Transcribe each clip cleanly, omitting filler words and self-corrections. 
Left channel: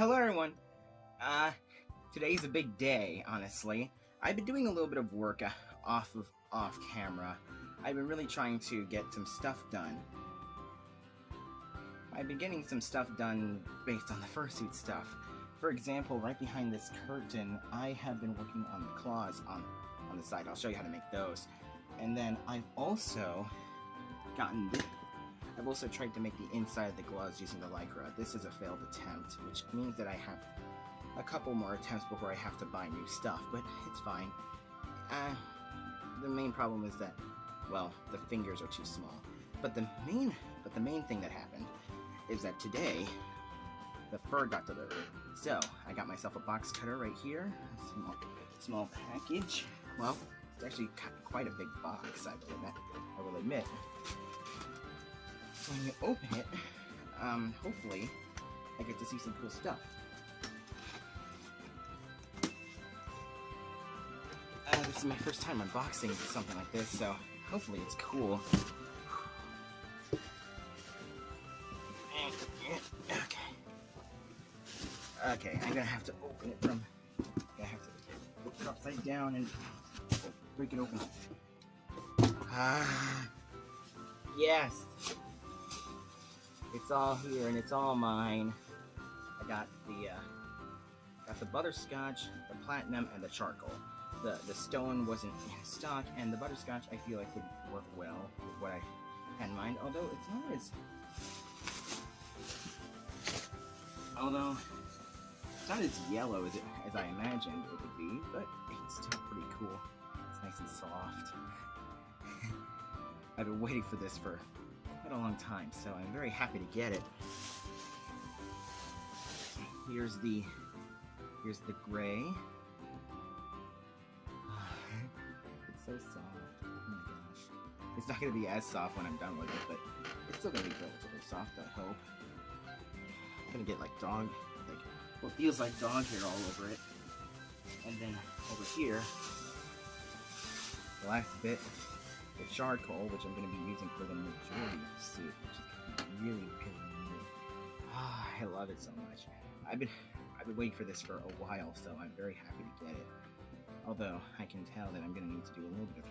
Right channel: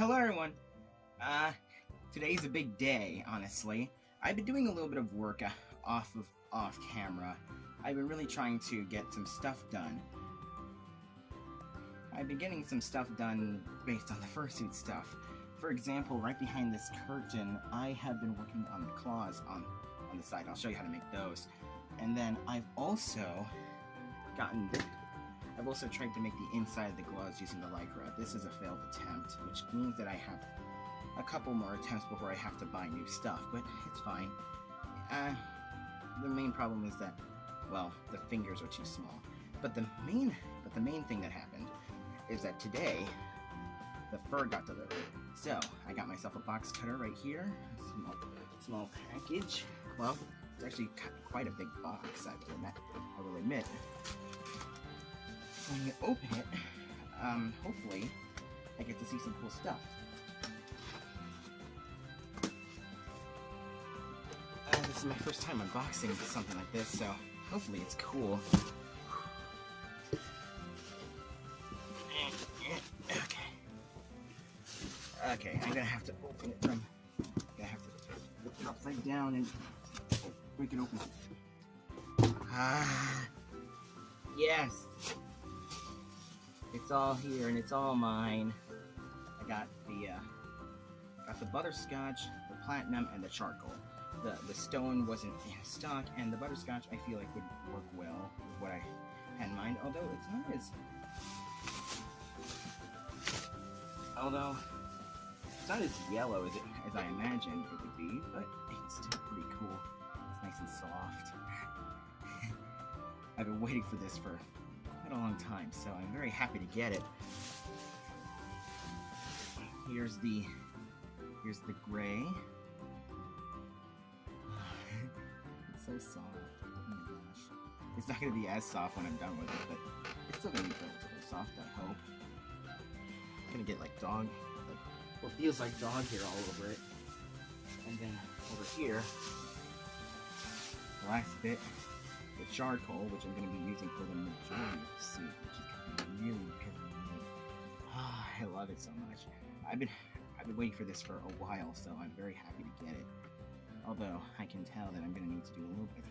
Hello everyone! Uh, Today's a big day, honestly. I've been doing a little bit of work off camera. I've been really trying to get some stuff done. I've been getting some stuff done based on the fursuit stuff. For example, right behind this curtain, I have been working on the claws on the side. I'll show you how to make those. And then I've also tried to make the inside of the gloves using the Lycra. This is a failed attempt, which means that I have a couple more attempts before I have to buy new stuff, but it's fine. The main problem is that, well, the fingers are too small. But the main thing that happened is that today, the fur got delivered. So, I got myself a box cutter right here, a small package. Well, it's actually quite a big box, I will admit. When you open it, hopefully, I get to see some cool stuff. This is my first time unboxing something like this, so hopefully it's cool. Okay, I'm gonna have to open it flip it upside down and break it open. Yes! It's all here and it's all mine. I got the butterscotch, the platinum, and the charcoal. The stone wasn't in stock, and the butterscotch I feel like would work well with what I had in mind. Although it's not as yellow as I imagined it would be, but it's still pretty cool. It's nice and soft. I've been waiting for this for quite a long time, so I'm very happy to get it. Here's the gray. It's so soft. Oh my gosh. It's not going to be as soft when I'm done with it, but it's still going to be relatively soft, I hope. I'm going to get like what feels like dog hair all over it. And then over here, the last bit, the charcoal, which I'm going to be using for the majority of the suit, which is going to be really, really neat. I love it so much. I've been waiting for this for a while, so I'm very happy to get it. Although I can tell that I'm going to need to do a little bit of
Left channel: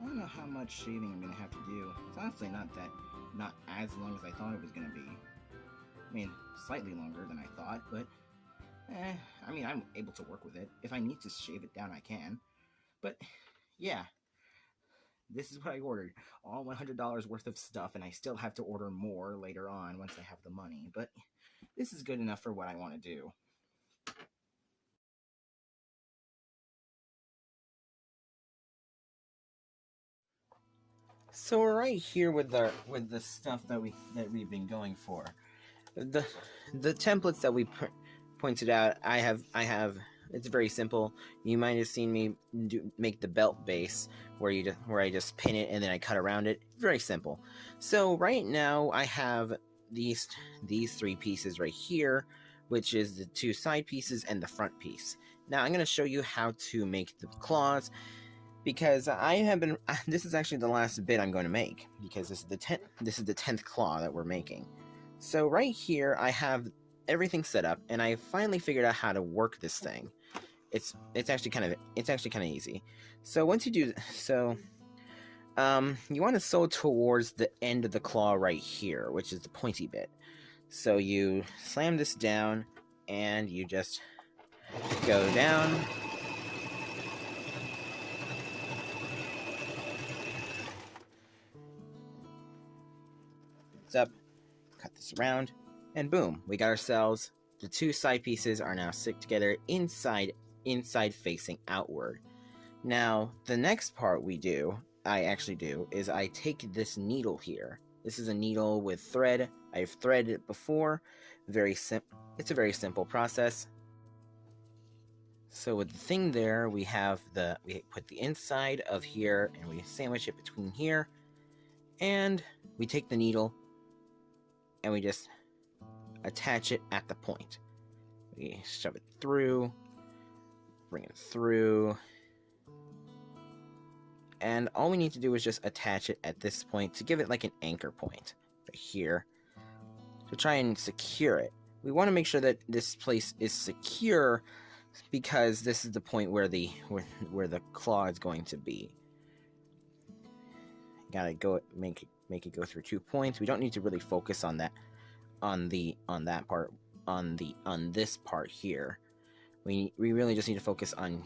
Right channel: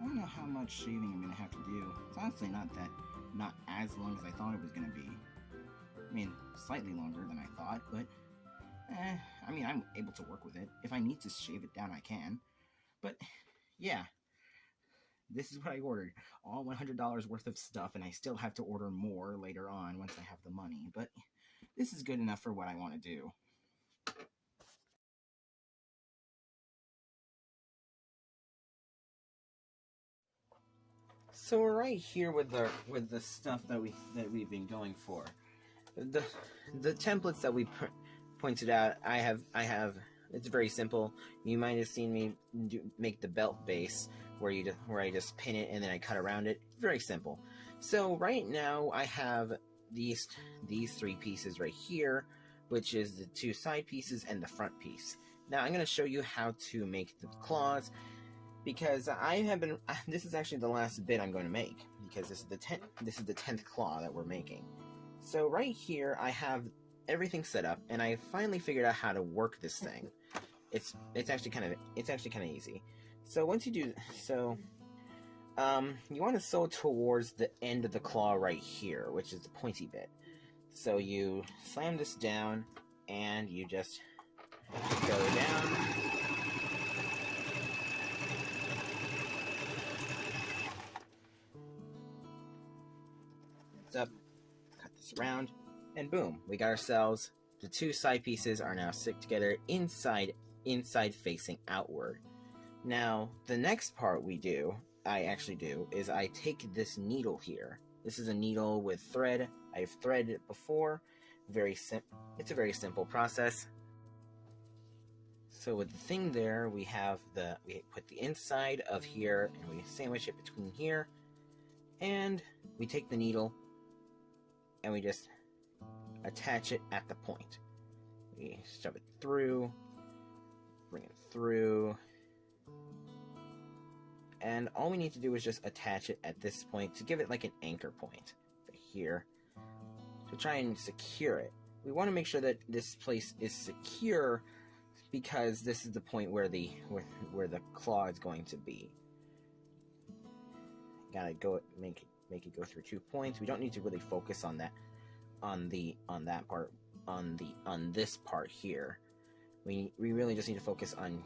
I don't know how much shaving I'm going to have to do. It's honestly not as long as I thought it was going to be. I mean, slightly longer than I thought, but I mean, I'm able to work with it. If I need to shave it down, I can. But yeah, this is what I ordered. All $100 worth of stuff, and I still have to order more later on once I have the money. But this is good enough for what I want to do. So we're right here with the stuff that we've been going for. The templates that we pointed out, I have. It's very simple. You might have seen me make the belt base where I just pin it and then I cut around it. Very simple. So right now I have these three pieces right here, which is the two side pieces and the front piece. Now I'm going to show you how to make the claws, because this is actually the last bit I'm going to make, because this is the 10th claw that we're making. So right here I have everything set up, and I finally figured out how to work this thing. It's actually kind of easy. So once you do so, you want to sew towards the end of the claw right here, which is the pointy bit. So you slam this down, and you just go down. It's up. Cut this around, and boom, we got ourselves the two side pieces are now stick together inside facing outward. Now the next part I actually do is I take this needle here. This is a needle with thread. I've threaded it before. It's a very simple process. So with the thing there, we put the inside of here and we sandwich it between here, and we take the needle and we just attach it at the point. We shove it through, bring it through, and all we need to do is just attach it at this point to give it like an anchor point right here to try and secure it we want to make sure that this place is secure, because this is the point where the claw is going to be. Gotta go make it go through 2 points. We don't need to really focus on that on this part here. We really just need to focus on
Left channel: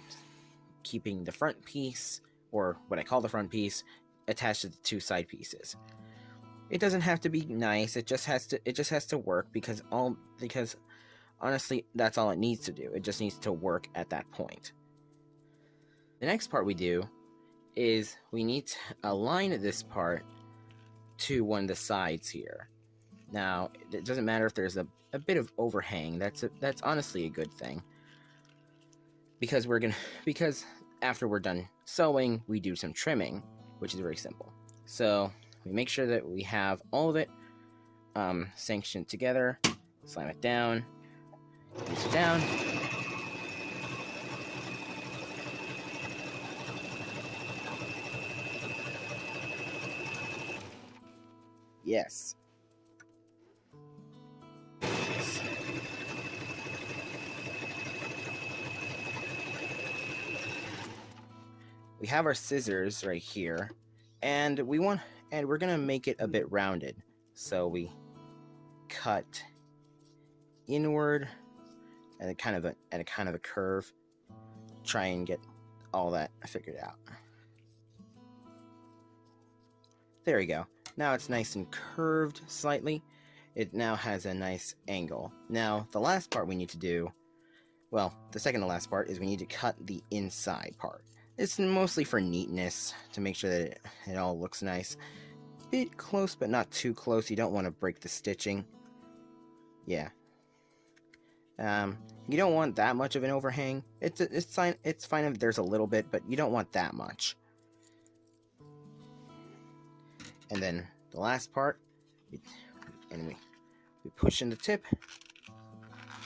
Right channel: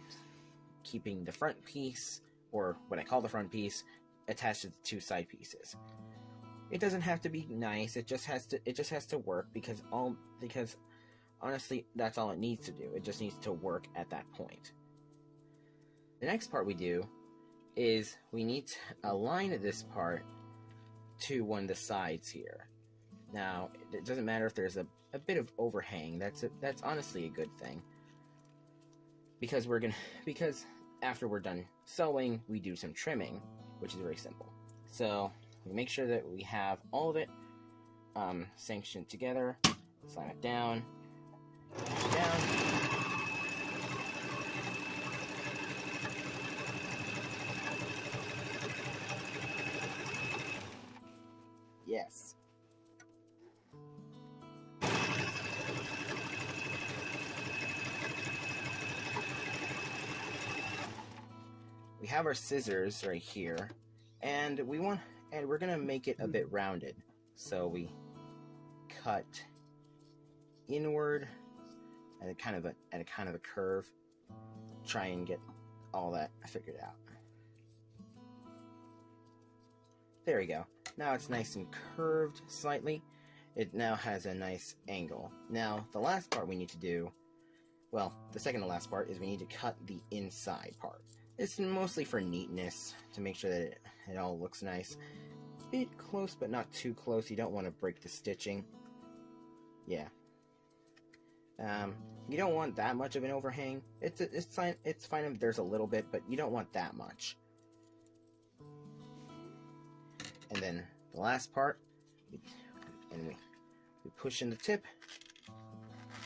keeping the front piece, or what I call the front piece, attached to the 2 side pieces. It doesn't have to be nice. It just has to work, because honestly, that's all it needs to do. It just needs to work at that point. The next part we do is we need to align this part to one of the sides here. Now, it doesn't matter if there's a bit of overhang. That's honestly a good thing, because after we're done sewing, we do some trimming, which is very simple. So we make sure that we have all of it sanctioned together. Slam it down. Place it down. Yes. We have our scissors right here, and we're gonna make it a bit rounded. So we cut inward at a kind of a curve. Try and get all that figured out. There we go. Now it's nice and curved slightly. It now has a nice angle. Now the last part we need to do, well, the second to last part, is we need to cut the inside part. It's mostly for neatness, to make sure that it all looks nice. Bit close, but not too close. You don't want to break the stitching. Yeah. You don't want that much of an overhang. It's fine if there's a little bit, but you don't want that much. And then the last part, we push in the tip,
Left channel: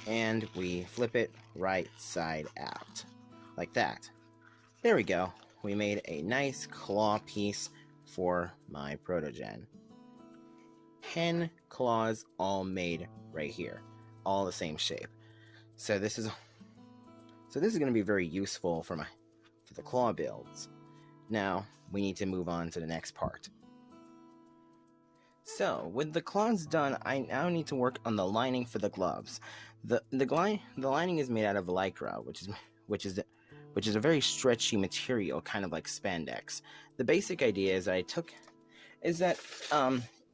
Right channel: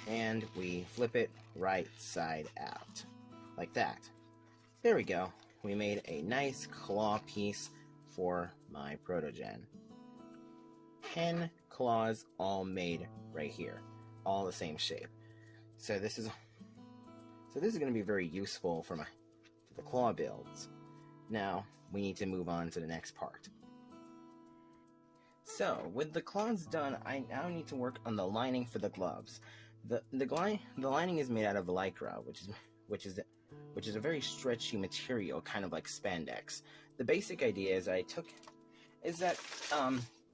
and we flip it right side out, like that. There we go. We made a nice claw piece for my Protogen. 10 claws all made right here, all the same shape. So this is going to be very useful for the claw builds. Now we need to move on to the next part. So with the claws done, I now need to work on the lining for the gloves. The lining is made out of lycra, which is a very stretchy material, kind of like spandex. The basic idea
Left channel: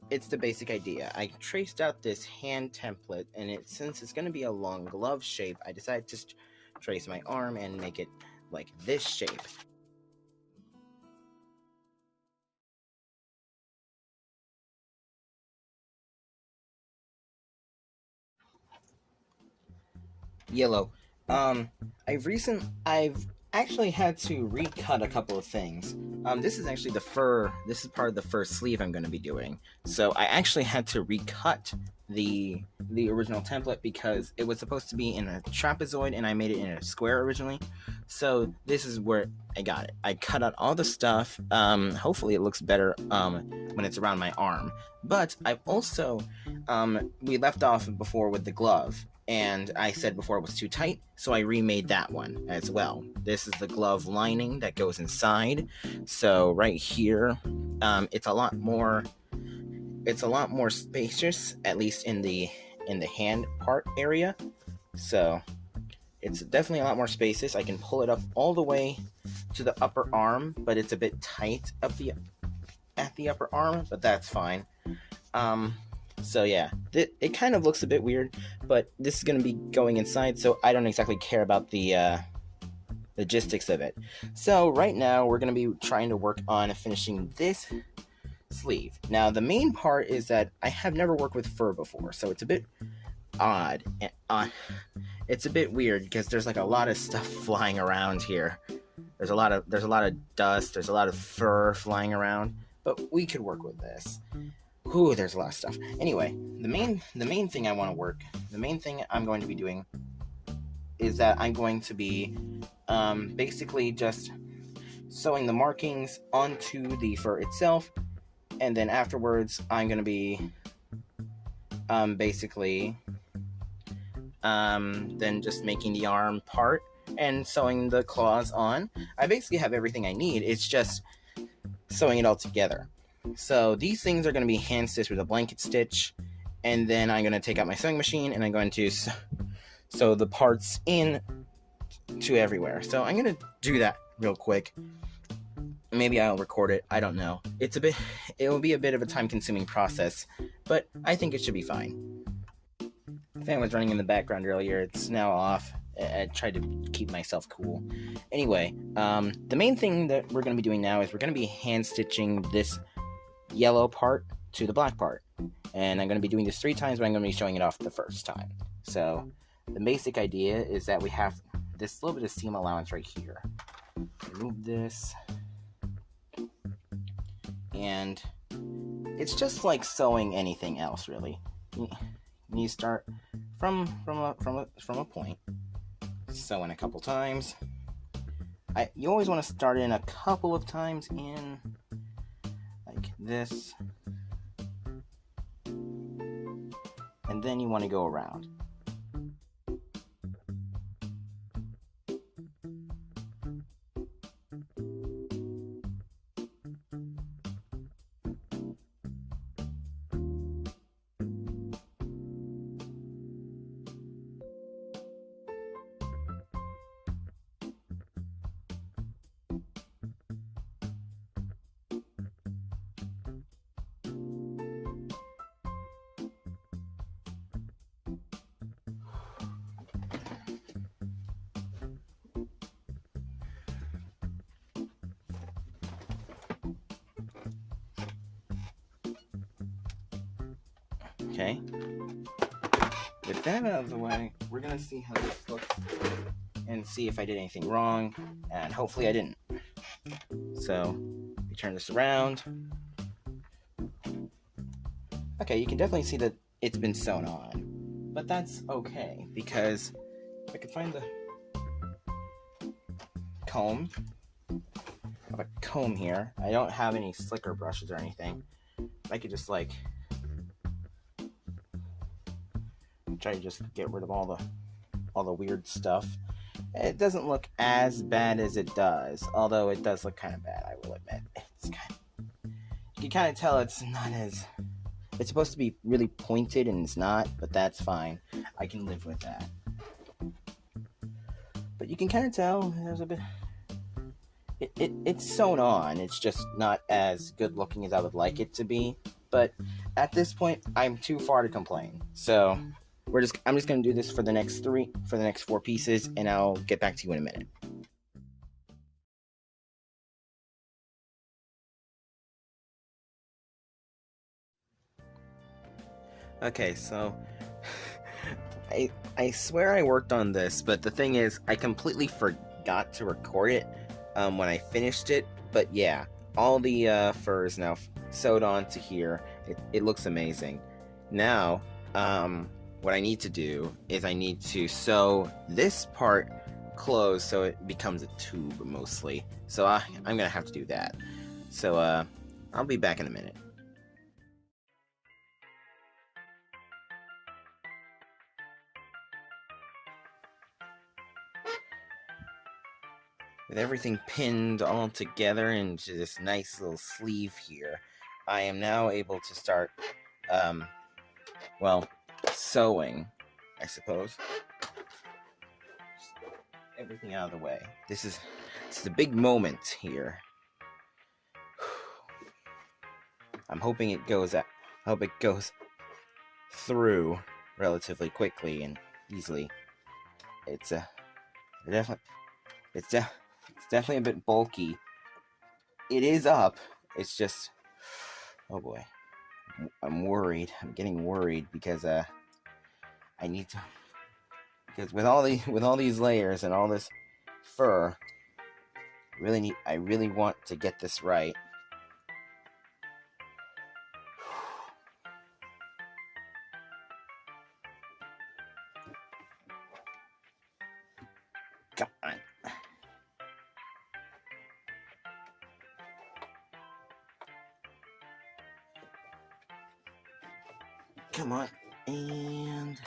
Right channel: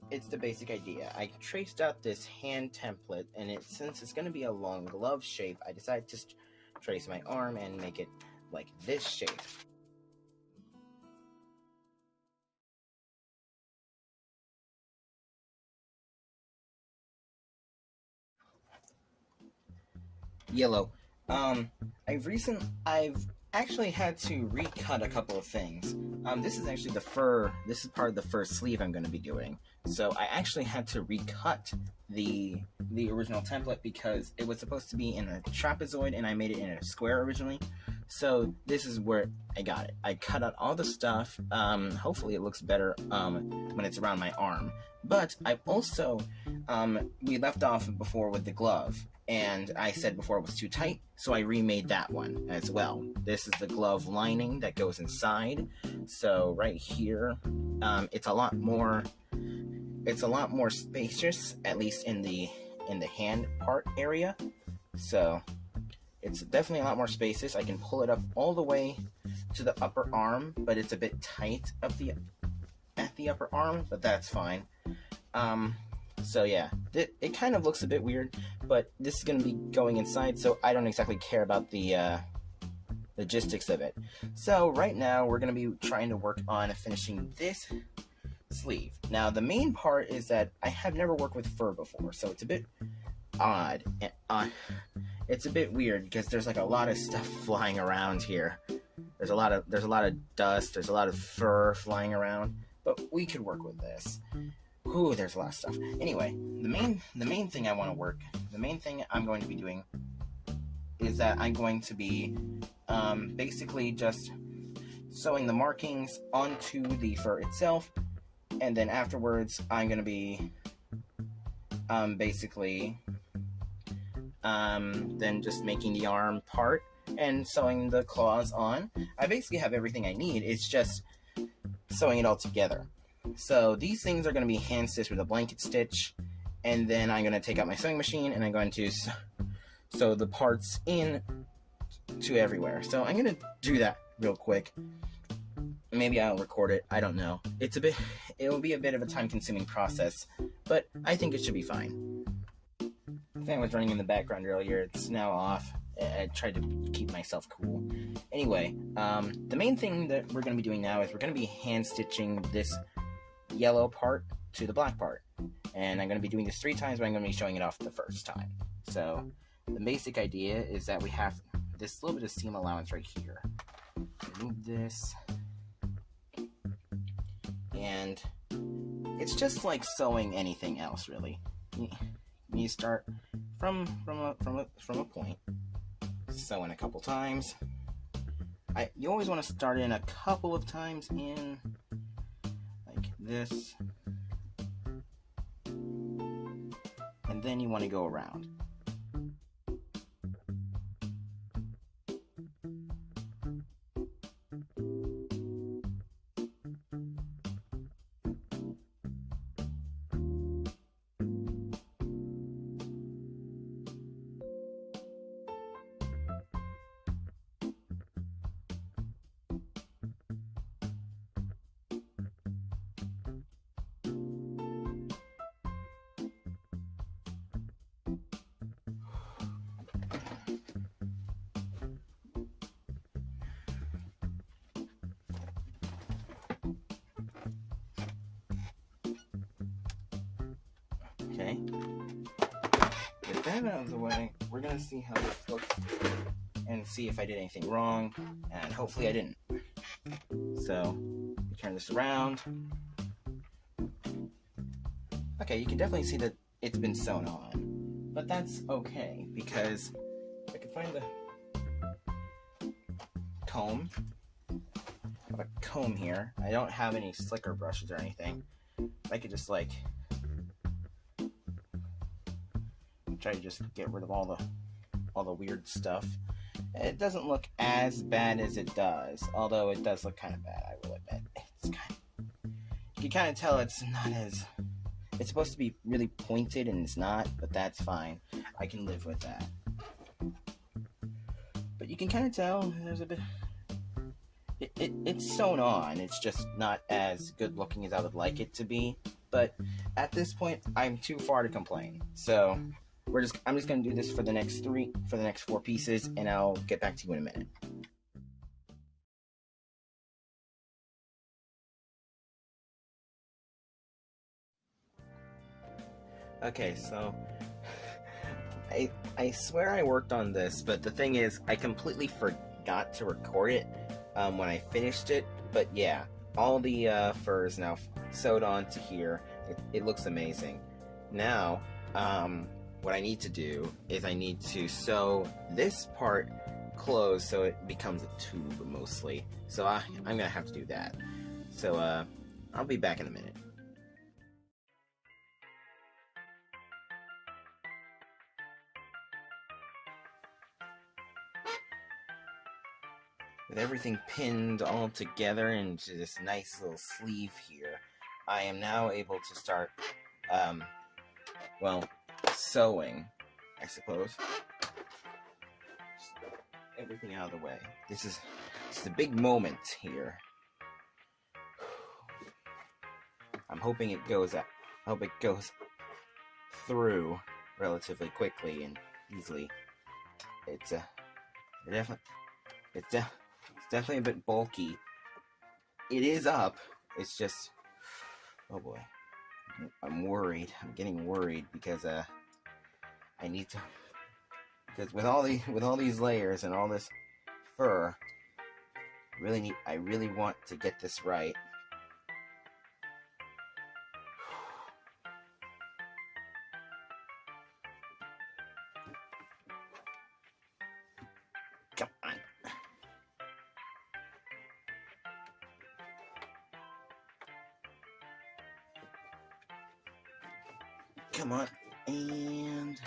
it's the basic idea. I traced out this hand template, and since it's going to be a long glove shape, I decided to trace my arm and make it like this shape. Yellow. I've actually had to recut a couple of things. This is actually the fur. This is part of the fur sleeve I'm going to be doing. So I actually had to recut the original template, because it was supposed to be in a trapezoid, and I made it in a square originally. So this is where I got it. I cut out all the stuff. Hopefully it looks better when it's around my arm. But I've also we left off before with the glove. And I said before it was too tight, so I remade that one as well. This is the glove lining that goes inside. So right here, it's a lot more spacious, at least in the hand part area. So it's definitely a lot more spacious. I can pull it up all the way to the upper arm, but it's a bit tight at the upper arm, but that's fine. So yeah, it kind of looks a bit weird, but this is going to be going inside, so I don't exactly care about the logistics of it. So right now, we're going to be trying to work on finishing this sleeve. Now, the main part is that I have never worked with fur before, so it's a bit odd. It's a bit weird, because there's like a lot of stuff flying around here. There's a lot of dust, there's a lot of fur flying around, but we could work with this. Ooh, there's a lot of stuff. Anyway, the main thing I'm going to be doing is that I'm going to be basically just sewing the markings onto the fur itself, and then afterwards I'm going to be basically than just making the arm part and sewing the claws on. I basically have everything I need. It's just sewing it all together. So these things are going to be hand stitched with a blanket stitch, and then I'm going to take out my sewing machine and I'm going to sew the parts in to everywhere. So I'm going to do that real quick. Maybe I'll record it. I don't know. It will be a bit of a time-consuming process, but I think it should be fine. The fan was running in the background earlier. It's now off. I tried to keep myself cool. Anyway, the main thing that we're going to be doing now is we're going to be hand stitching this yellow part to the black part. And I'm going to be doing this 3 times, but I'm going to be showing it off the first time. So the basic idea is that we have this little bit of seam allowance right here. Remove this. And it's just like sewing anything else, really. You start from a point, sew in a couple times. You always want to start in a couple of times in like this, and then you want to go around. Okay, with that out of the way, we're gonna see how this looks and see if I did anything wrong, and hopefully I didn't. So we turn this around. Okay, you can definitely see that it's been sewn on, but that's okay because if I could find the comb. I have a comb here. I don't have any slicker brushes or anything. I could just like try to just get rid of all the weird stuff. It doesn't look as bad as it does, although it does look kind of bad, I will admit. You can kind of tell it's not as... It's supposed to be really pointed and it's not, but that's fine. I can live with that. But you can kind of tell there's a bit... It's sewn on. It's just not as good looking as I would like it to be. But at this point, I'm too far to complain. So I'm just gonna do this for the next 4 pieces, and I'll get back to you in a minute. Okay, so I swear I worked on this, but the thing is, I completely forgot to record it when I finished it. But yeah, all the fur is now sewed onto here. It looks amazing. Now, what I need to do is I need to sew this part closed so it becomes a tube mostly. So I'm gonna have to do that. So I'll be back in a minute. With everything pinned all together into this nice little sleeve here, I am now able to start, well, sewing, I suppose. Everything out of the way. It's the big moment here. I'm hoping it goes through relatively quickly and easily. It's definitely a bit bulky. It is up. It's just, oh boy, I'm worried. I'm getting worried because I need to, because with all these layers and all this fur, I really want to get this right. Come on. Come on. And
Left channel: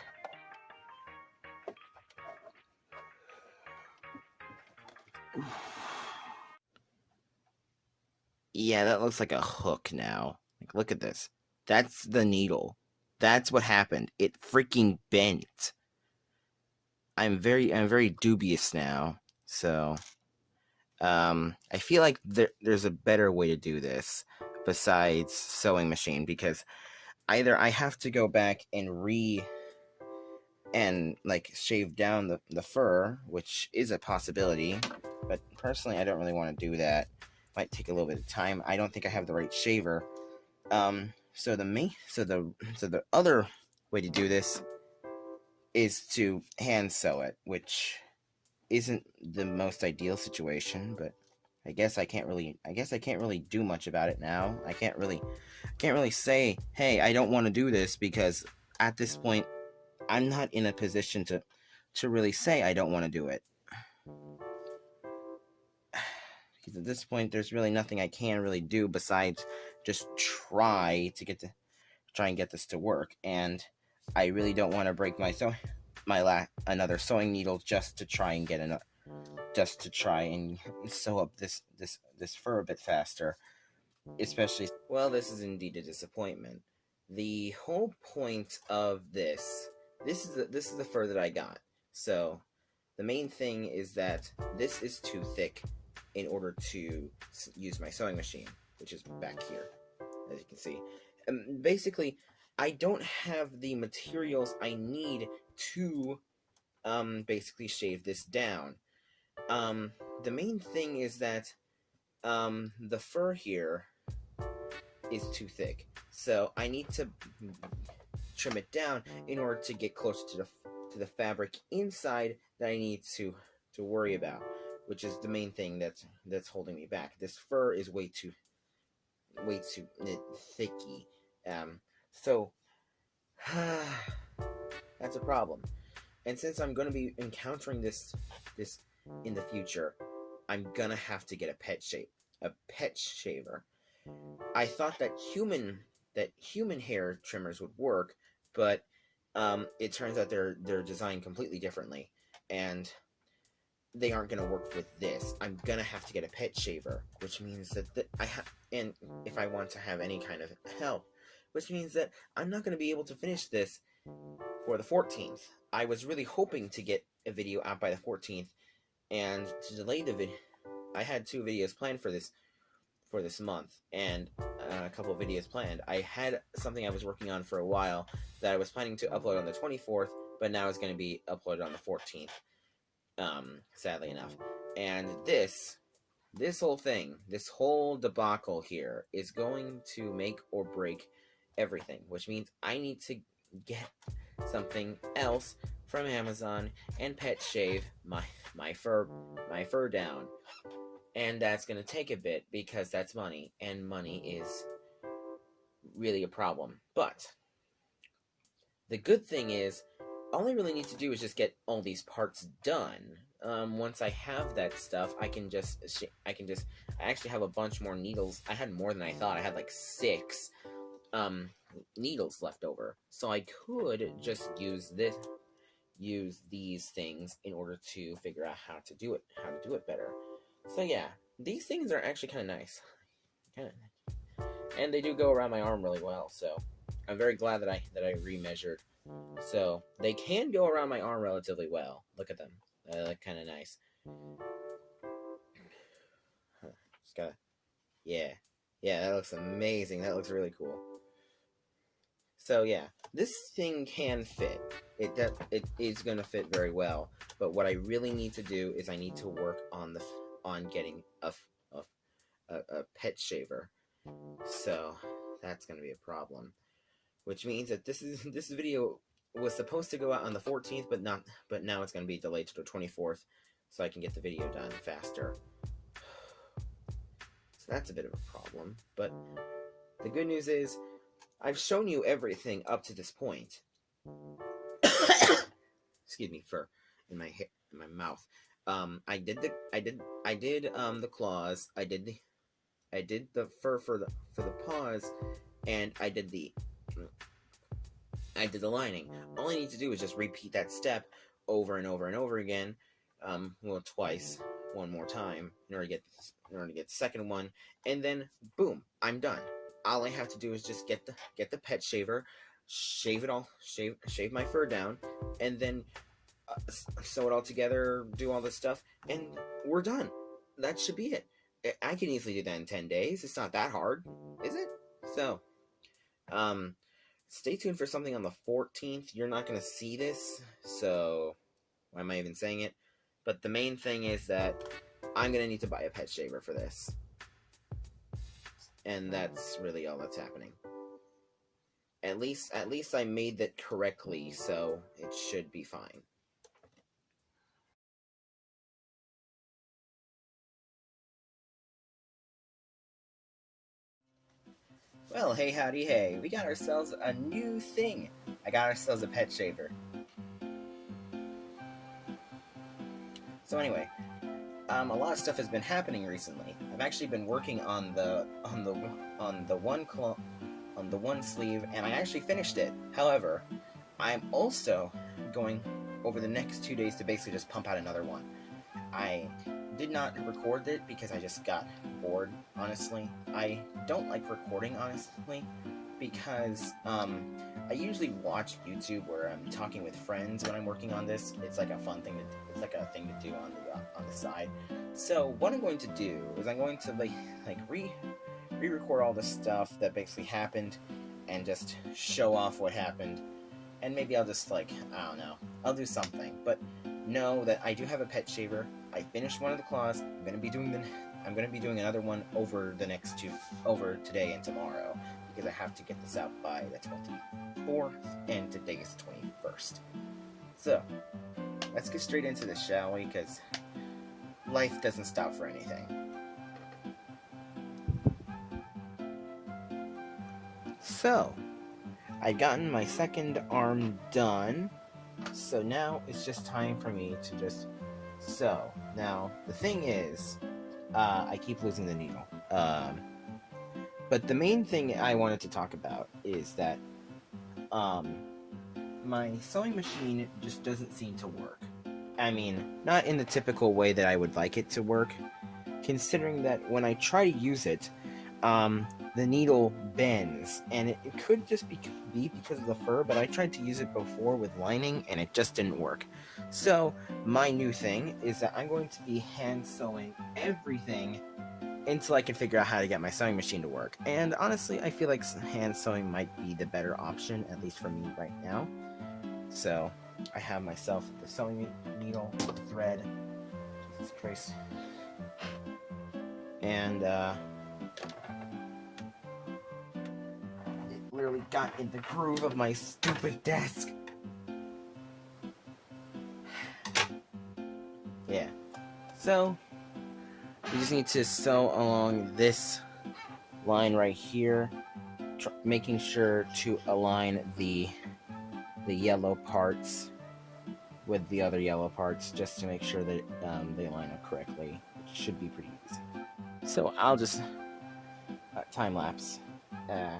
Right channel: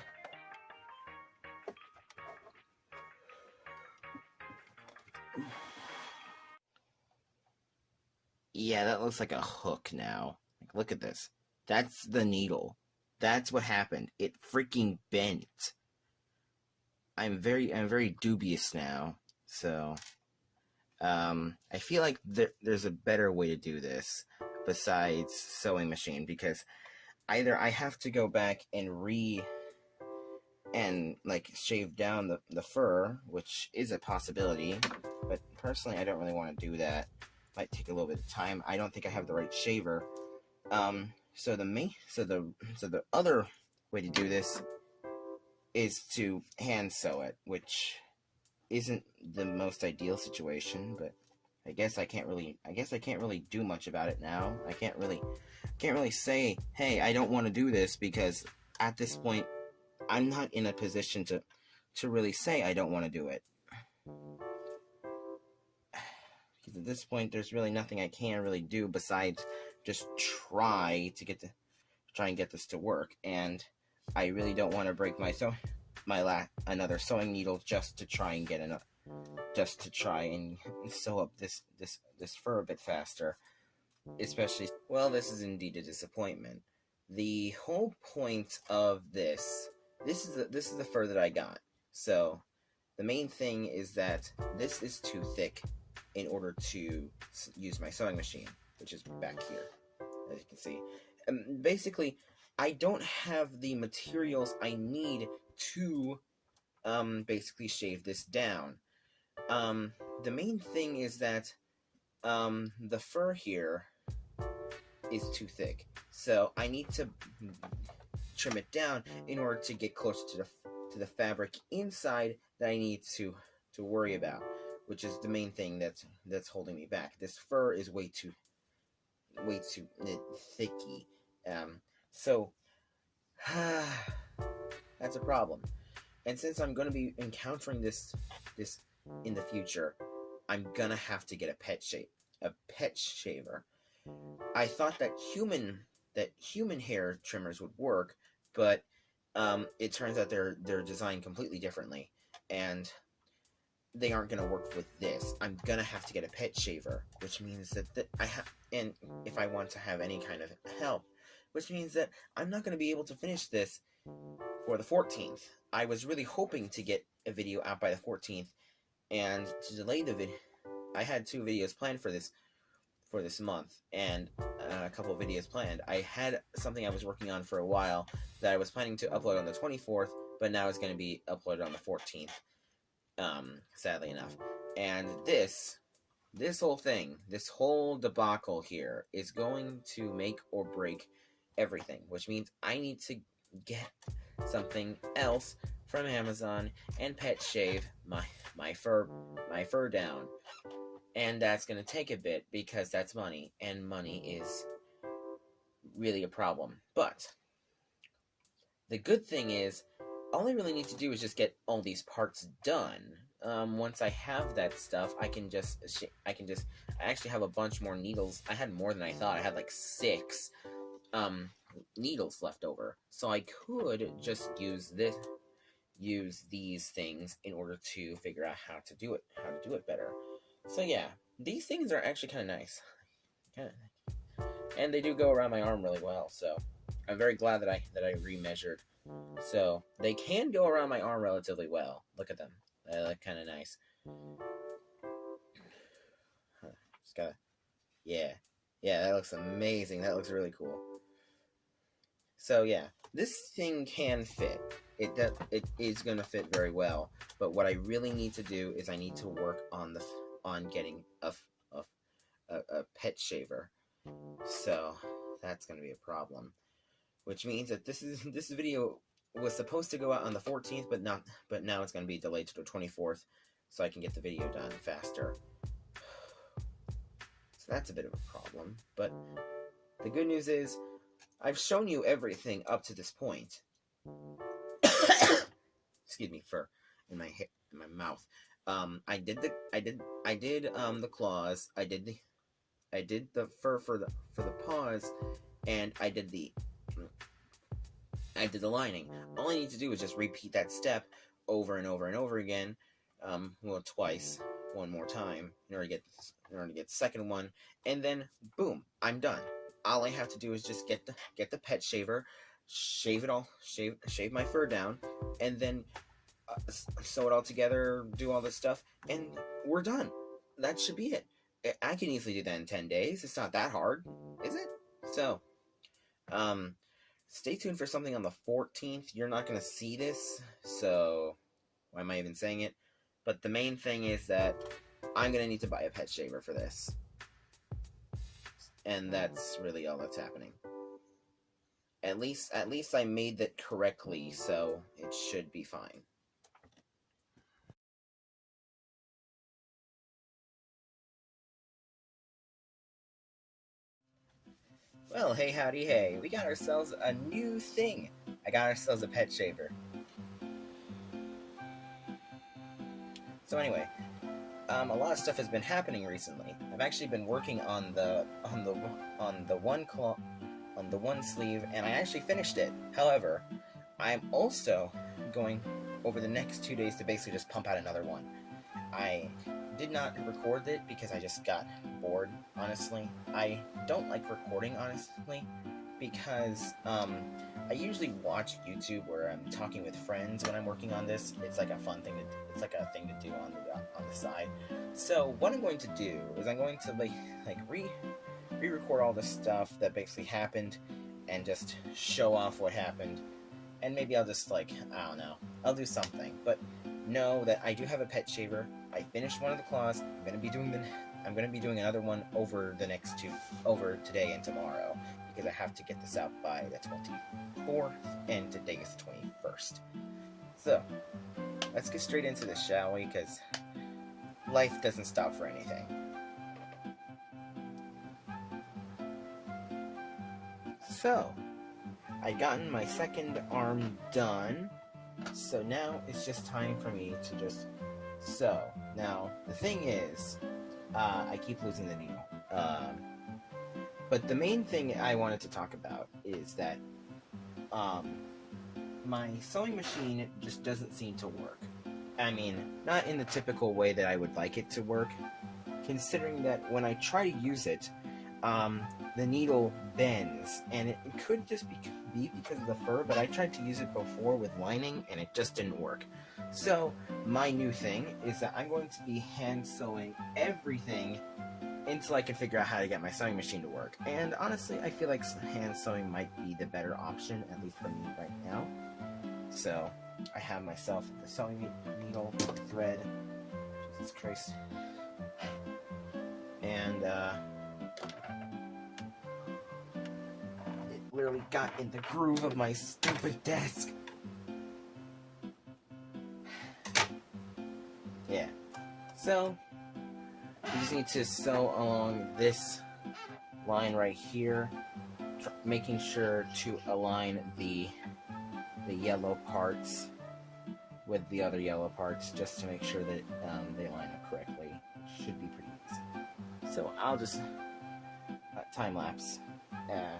Yeah, that looks like a hook now. Like, look at this. That's the needle. That's what happened. It freaking bent. I'm very dubious now. So, I feel like there's a better way to do this besides sewing machine, because either I have to go back and like shave down the fur, which is a possibility, but personally I don't really want to do that. Might take a little bit of time. I don't think I have the right shaver. So the other way to do this is to hand sew it, which isn't the most ideal situation, but I can't really do much about it now. I can't really say, "Hey, I don't want to do this," because at this point I'm not in a position to really say I don't want to do it. Because at this point there's really nothing I can really do besides just try and get this to work, and I really don't want to break another sewing needle just to try and sew up this fur a bit faster. Especially, well, this is indeed a disappointment. The whole point of this is the fur that I got. So the main thing is that this is too thick in order to use my sewing machine, which is back here, as you can see. Basically, I don't have the materials I need to basically shave this down. The main thing is that the fur here is too thick, so I need to trim it down in order to get closer to the fabric inside that I need to worry about, which is the main thing that's holding me back. This fur is way too thicky, so that's a problem. And since I'm going to be encountering this in the future, I'm gonna have to get a pet shaver. I thought that human hair trimmers would work, but it turns out they're designed completely differently, and they aren't gonna work with this. I'm gonna have to get a pet shaver, which means that and if I want to have any kind of help, which means that I'm not gonna be able to finish this for the 14th. I was really hoping to get a video out by the 14th, and to delay the video, I had 2 videos planned for this month, and a couple of videos planned. I had something I was working on for a while that I was planning to upload on the 24th, but now it's going to be uploaded on the 14th, sadly enough. And this whole thing, this whole debacle here is going to make or break everything, which means I need to get something else from Amazon and pet shave my fur down. And that's going to take a bit because that's money, and money is really a problem. But the good thing is, all I really need to do is just get all these parts done. Once I have that stuff, I actually have a bunch more needles. I had more than I thought. I had like 6 needles left over, so I could just use these things in order to figure out how to do it better. So yeah, these things are actually kind of nice, and they do go around my arm really well. So I'm very glad that I remeasured. So they can go around my arm relatively well. Look at them; they look kind of nice. Just gotta, yeah, that looks amazing. That looks really cool. So yeah, this thing can fit. It is gonna fit very well. But what I really need to do is I need to work on getting a pet shaver. So that's gonna be a problem. Which means that this video was supposed to go out on the 14th, but now it's gonna be delayed to the 24th, so I can get the video done faster. So that's a bit of a problem. But the good news is, I've shown you everything up to this point. Excuse me, fur in my mouth. I did the claws. I did the fur for the paws, and I did the lining. All I need to do is just repeat that step over and over and over again. Well, twice. one more time in order to get the second one, and then boom, I'm done. All I have to do is just get the pet shaver, shave my fur down, and then sew it all together, do all this stuff, and we're done. That should be it. I can easily do that in 10 days. It's not that hard, is it? So, stay tuned for something on the 14th. You're not going to see this, so why am I even saying it? But the main thing is that I'm going to need to buy a pet shaver for this. And that's really all that's happening. At least I made that correctly, so it should be fine. Well, hey howdy hey, we got ourselves a new thing. I got ourselves a pet shaver. So anyway, a lot of stuff has been happening recently. I've actually been working on the one sleeve, and I actually finished it. However, I'm also going over the next 2 days to basically just pump out another one. I did not record it because I just got bored, honestly. I don't like recording, honestly, because I usually watch YouTube where I'm talking with friends when I'm working on this. It's like a fun thing it's like a thing to do on the side. So what I'm going to do is I'm going to re-record all the stuff that basically happened and just show off what happened. And maybe I'll just I don't know, I'll do something. But know that I do have a pet shaver. I finished one of the claws. I'm gonna be doing another one over today and tomorrow, because I have to get this out by the 24th, and today is the 21st. So let's get straight into this, shall we? Because life doesn't stop for anything. So I've gotten my second arm done. So now it's just time for me to just sew. Now, the thing is, I keep losing the needle. But the main thing I wanted to talk about is that my sewing machine just doesn't seem to work. I mean, not in the typical way that I would like it to work, considering that when I try to use it, the needle bends, and it could just be because of the fur, but I tried to use it before with lining, and it just didn't work. So, my new thing is that I'm going to be hand sewing everything until I can figure out how to get my sewing machine to work. And honestly, I feel like hand sewing might be the better option, at least for me right now. So, I have myself the sewing needle, thread, Jesus Christ, and literally got in the groove of my stupid desk. Yeah. So, you just need to sew along this line right here, making sure to align the yellow parts with the other yellow parts, just to make sure that they line up correctly. It should be pretty easy. So I'll just time lapse. Yeah.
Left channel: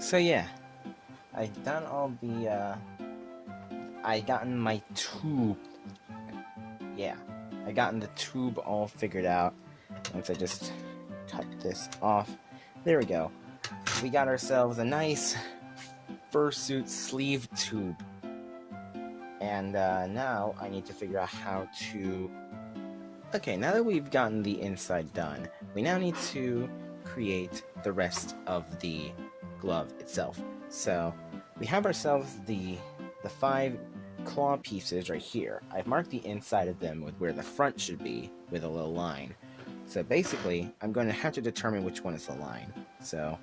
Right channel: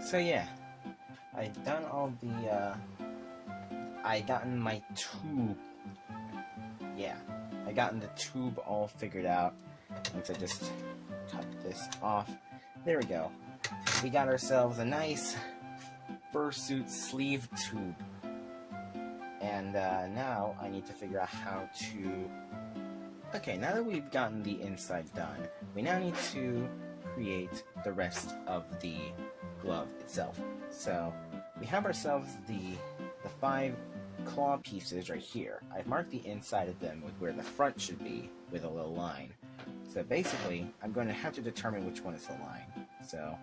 So yeah, I've done all the, I gotten my tube, yeah, I gotten the tube all figured out. Once I just cut this off, there we go. We got ourselves a nice fursuit sleeve tube. And now I need to figure out how to, okay, now that we've gotten the inside done, we now need to create the rest of the glove itself. So we have ourselves the 5 claw pieces right here. I've marked the inside of them with where the front should be with a little line. So basically, I'm going to have to determine which one is the line. So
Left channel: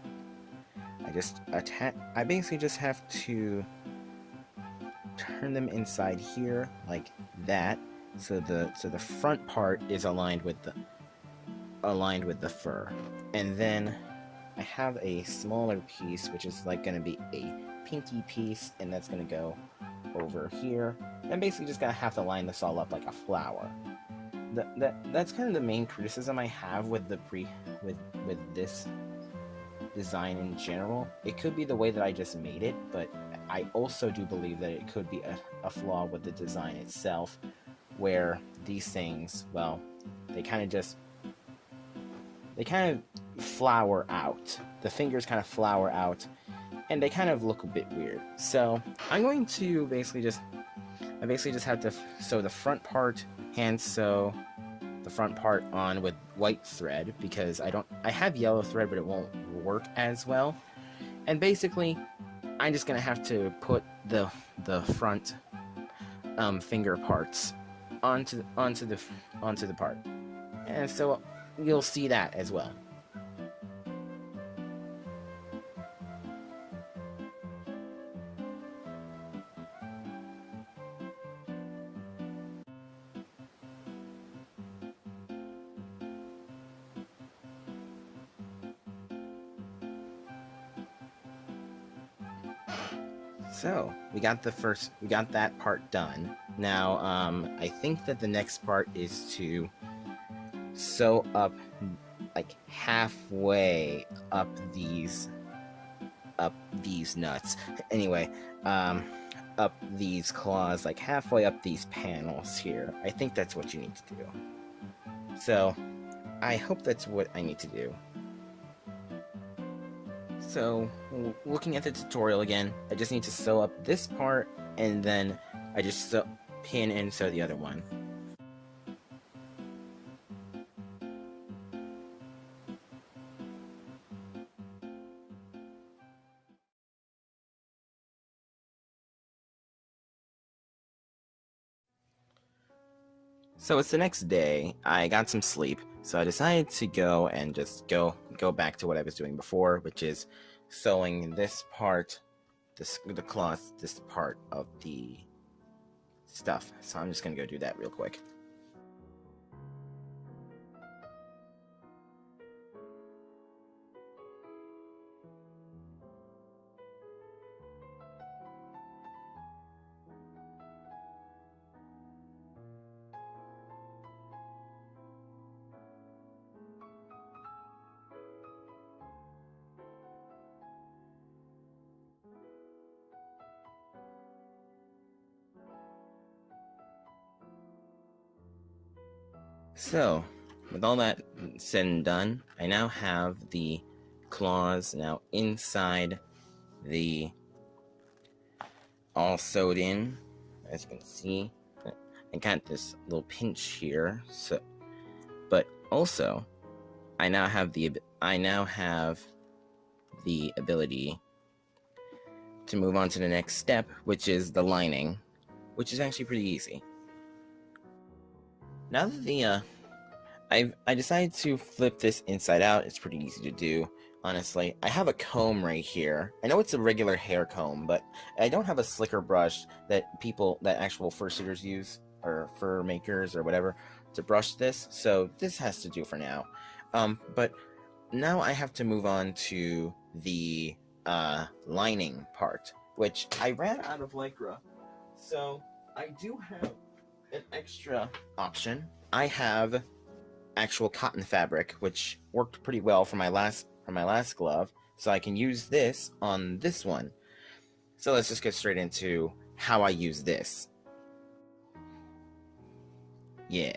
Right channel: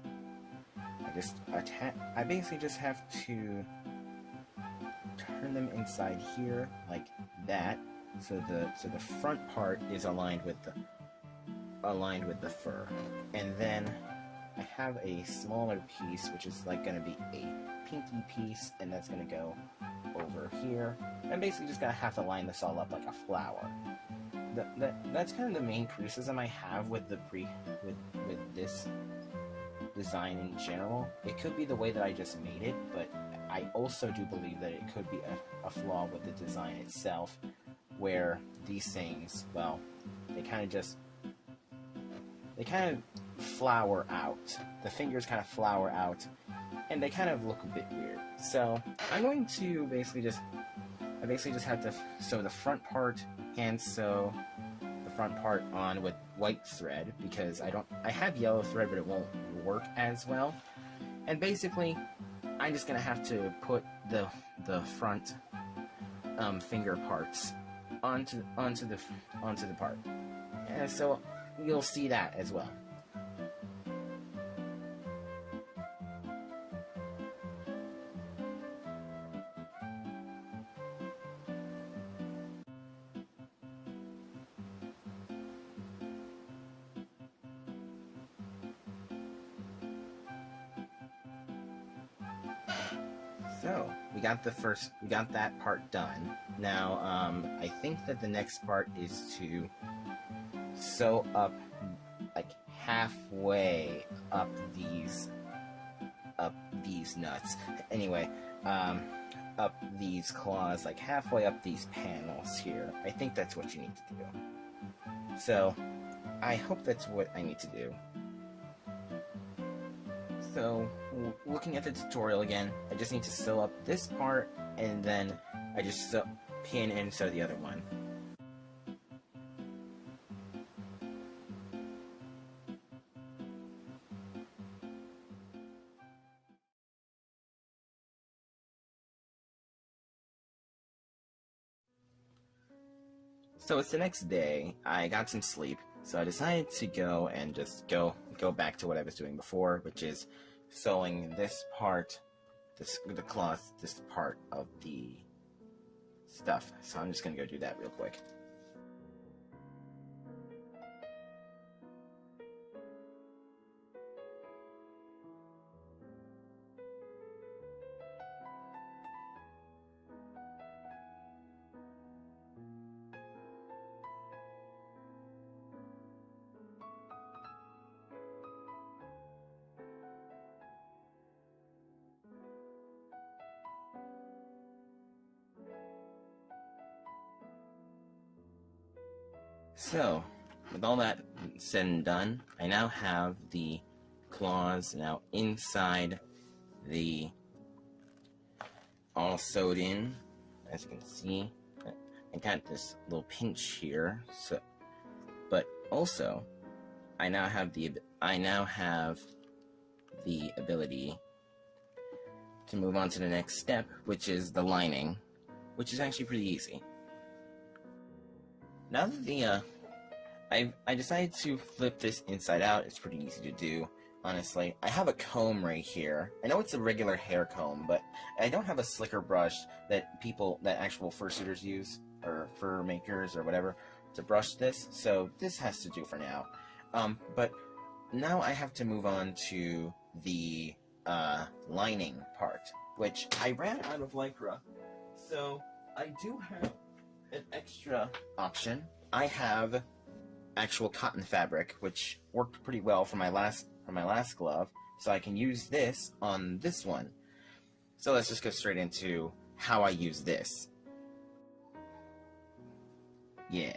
I basically just have to turn them inside here like that, so the front part is aligned with aligned with the fur. And then I have a smaller piece, which is like going to be a pinky piece, and that's going to go over here. And basically just going to have to line this all up like a flower. That's kind of the main criticism I have with with this design in general. It could be the way that I just made it, but I also do believe that it could be a flaw with the design itself, where these things, well, they kind of flower out. The fingers kind of flower out, and they kind of look a bit weird. So I'm going to basically just have to sew the front part, hand sew the front part on with white thread, because I have yellow thread, but it won't work as well. And basically, I'm just gonna have to put the front finger parts onto the part, and so you'll see that as well. So we got that part done. Now I think that the next part is to sew up like halfway up these nuts. Anyway, up these claws, like halfway up these panels here. I think that's what you need to do. So I hope that's what I need to do. So, looking at the tutorial again, I just need to sew up this part, and then I just pin and sew the other one. So it's the next day. I got some sleep, so I decided to go and just go back to what I was doing before, which is sewing this part, the cloth, this part of the stuff. So I'm just gonna go do that real quick. So, with all that said and done, I now have the claws now inside the all sewed in, as you can see. I got this little pinch here, so, but also I now have the ability to move on to the next step, which is the lining, which is actually pretty easy. Now that the I decided to flip this inside out. It's pretty easy to do, honestly. I have a comb right here. I know it's a regular hair comb, but I don't have a slicker brush that actual fursuiters use, or fur makers or whatever, to brush this, so this has to do for now. But now I have to move on to the lining part, which I ran out of Lycra, so I do have an extra option. I have actual cotton fabric, which worked pretty well for my last glove, so I can use this on this one. So let's just get straight into how I use this. Yeah.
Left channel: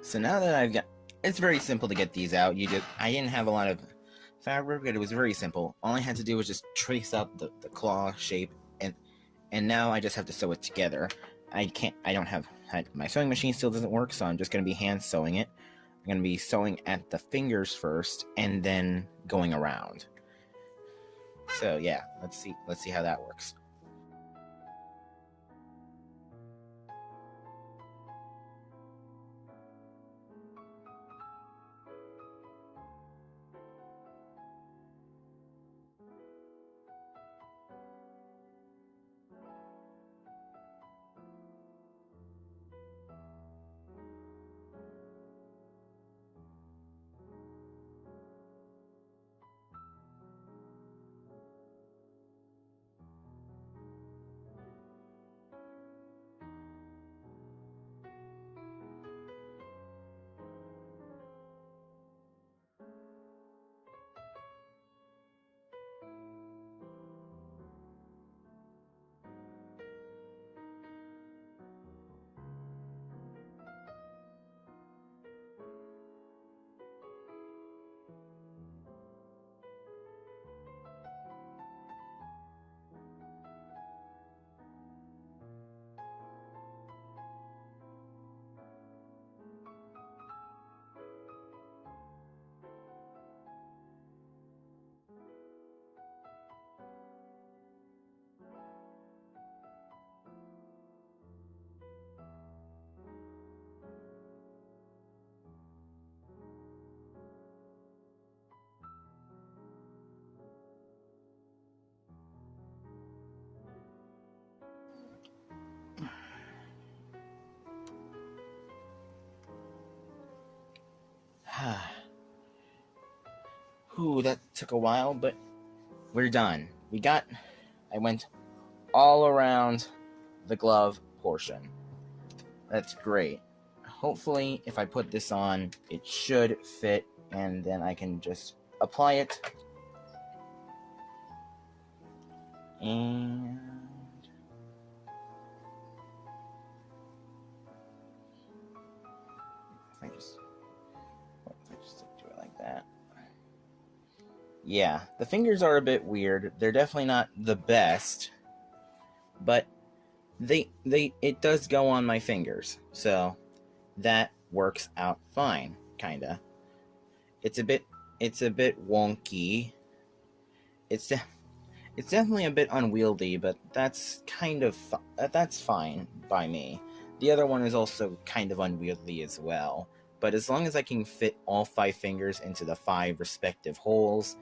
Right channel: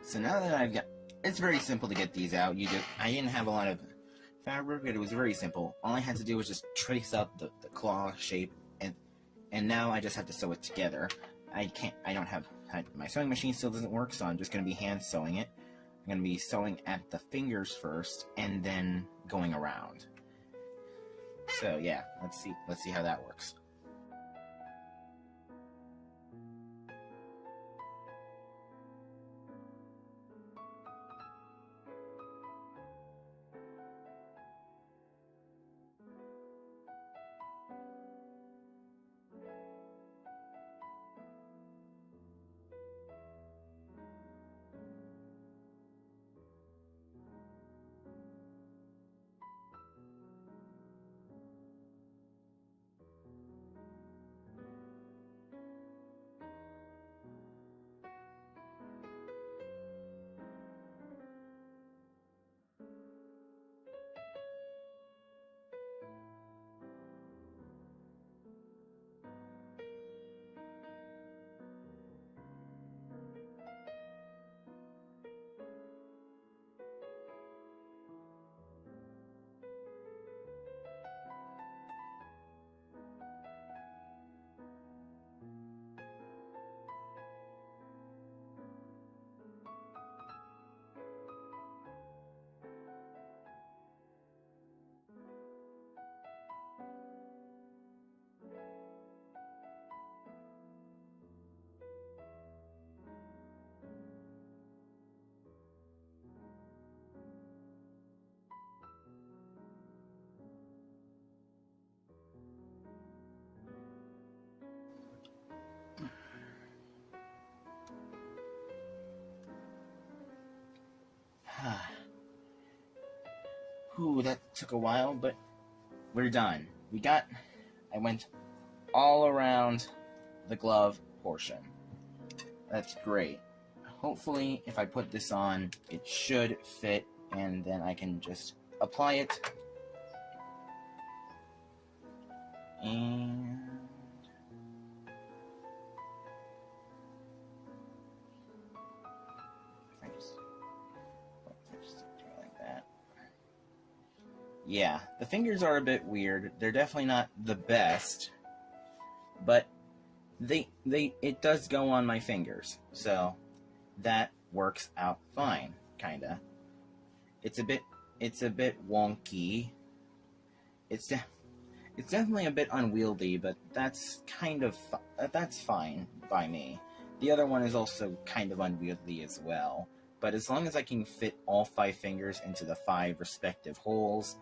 So now that it's very simple to get these out. I didn't have a lot of fabric, but it was very simple. All I had to do was just trace out the claw shape, and now I just have to sew it together. My sewing machine still doesn't work, so I'm just going to be hand sewing it. I'm going to be sewing at the fingers first, and then going around. So yeah, let's see how that works. Ooh, that took a while, but we're done. I went all around the glove portion. That's great. Hopefully, if I put this on, it should fit, and then I can just apply it. And if I just do it like that. Yeah, the fingers are a bit weird. They're definitely not the best, but it does go on my fingers, so that works out fine, kinda. It's a bit wonky. It's definitely a bit unwieldy, but that's that's fine by me. The other one is also kind of unwieldy as well, but as long as I can fit all 5 fingers into the 5 respective holes,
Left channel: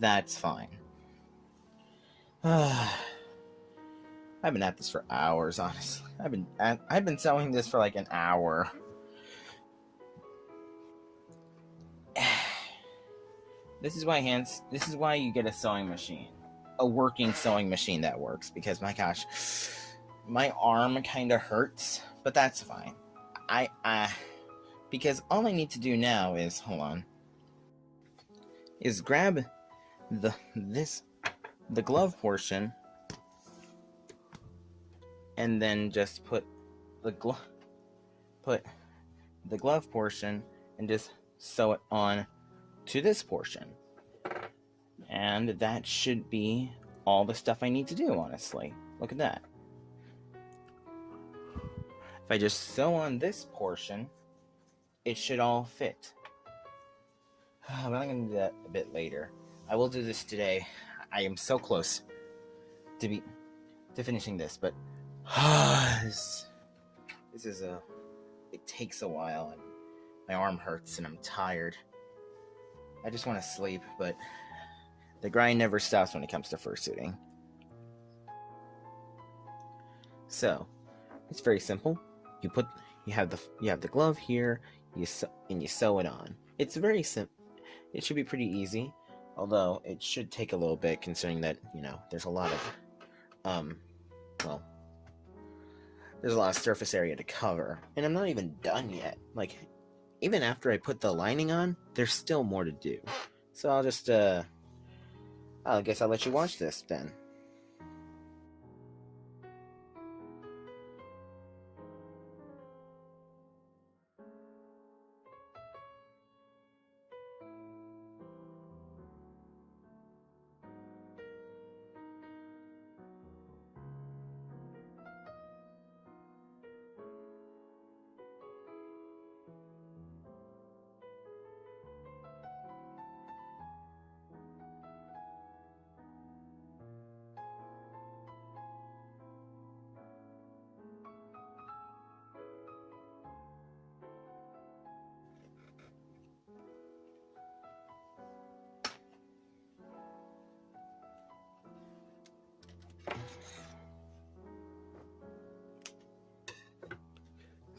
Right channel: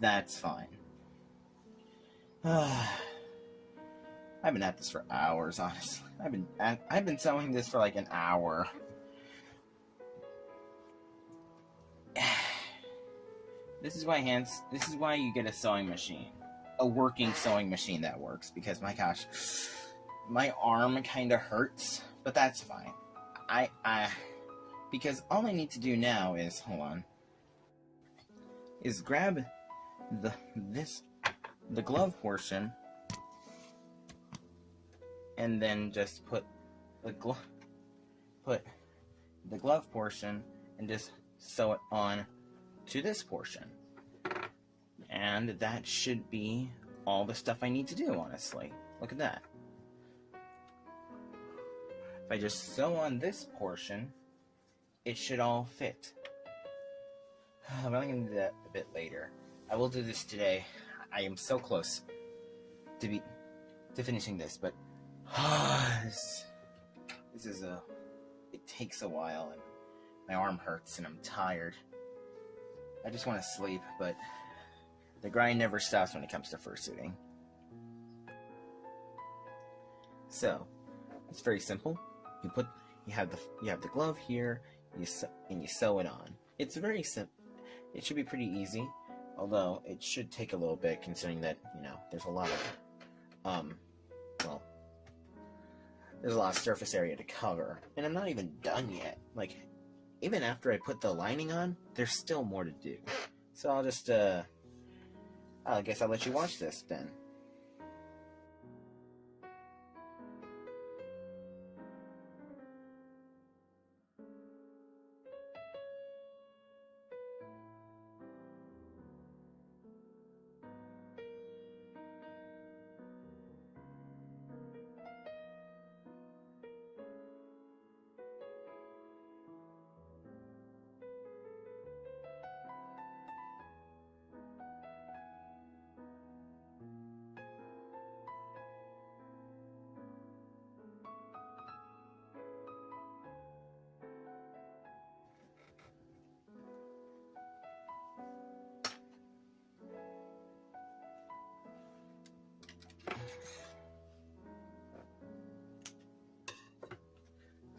that's fine. I've been at this for hours, honestly. I've been sewing this for like an hour. This is why you get a sewing machine. A working sewing machine that works, because my gosh, my arm kind of hurts, but that's fine. Because all I need to do now is, is grab the glove portion, and then just put the glove portion and just sew it on to this portion. And that should be all the stuff I need to do, honestly. Look at that. If I just sew on this portion, it should all fit. But I'm going to do that a bit later. I will do this today. I am so close to finishing this, but it takes a while, and my arm hurts, and I'm tired. I just want to sleep, but the grind never stops when it comes to fursuiting. So, it's very simple. You have the glove here, and you sew it on. It's very simple. It should be pretty easy, although it should take a little bit, considering that, there's a lot of there's a lot of surface area to cover, and I'm not even done yet. Like, even after I put the lining on, there's still more to do. So I'll just I guess I'll let you watch this then.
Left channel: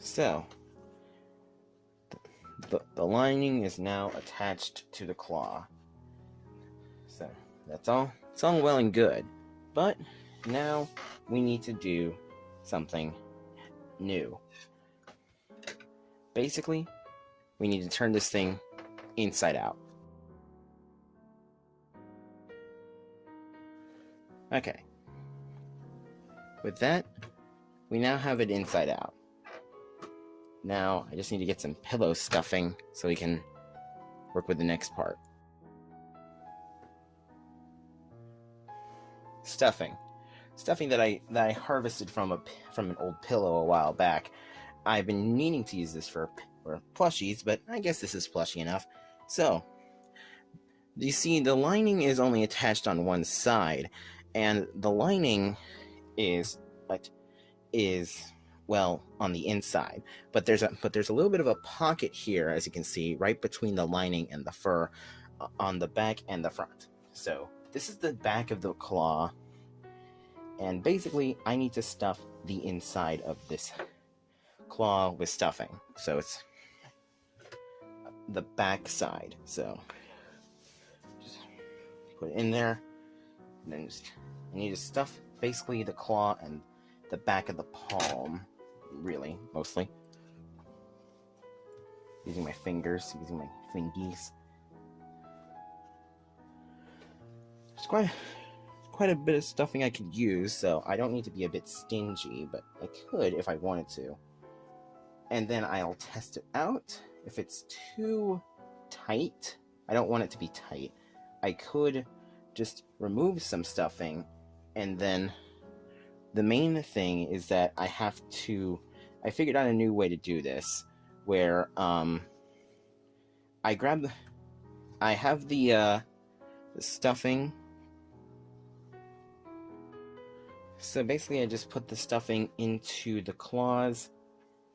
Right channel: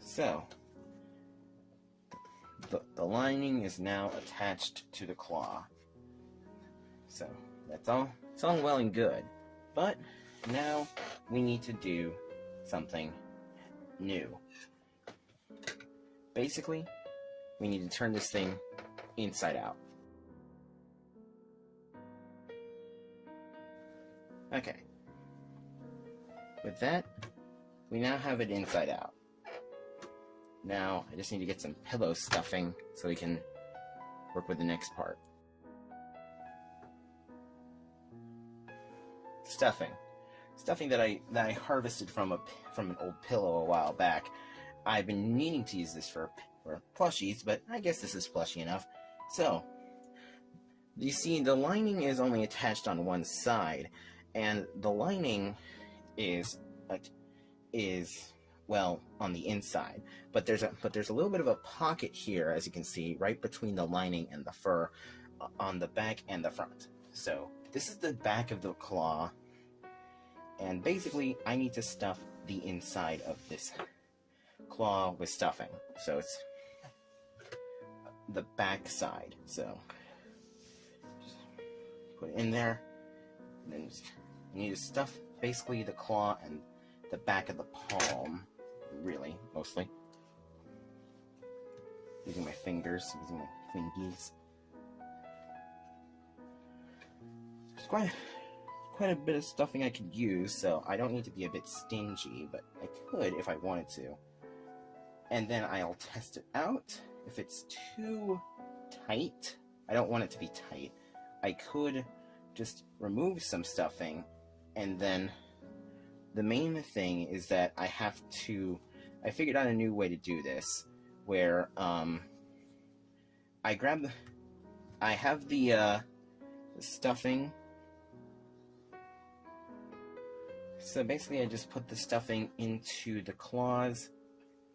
So, the lining is now attached to the claw. So, that's all. It's all well and good. But now we need to do something new. Basically, we need to turn this thing inside out. Okay. With that, we now have it inside out. Now, I just need to get some pillow stuffing so we can work with the next part. Stuffing that I harvested from an old pillow a while back. I've been meaning to use this for plushies, but I guess this is plushy enough. So, you see, the lining is only attached on one side, and the lining is on the inside, but there's a little bit of a pocket here, as you can see, right between the lining and the fur, on the back and the front. So this is the back of the claw, and basically I need to stuff the inside of this claw with stuffing. So it's the back side. So put it in there, and then just, you need to stuff basically the claw and the back of the palm, really, mostly. Using my fingers, using my fingies. There's quite a bit of stuffing I could use, so I don't need to be a bit stingy, but I could if I wanted to. And then I'll test it out. If it's too tight, I don't want it to be tight, I could just remove some stuffing, and then the main thing is that I figured out a new way to do this, where I have the stuffing. So basically I just put the stuffing into the claws,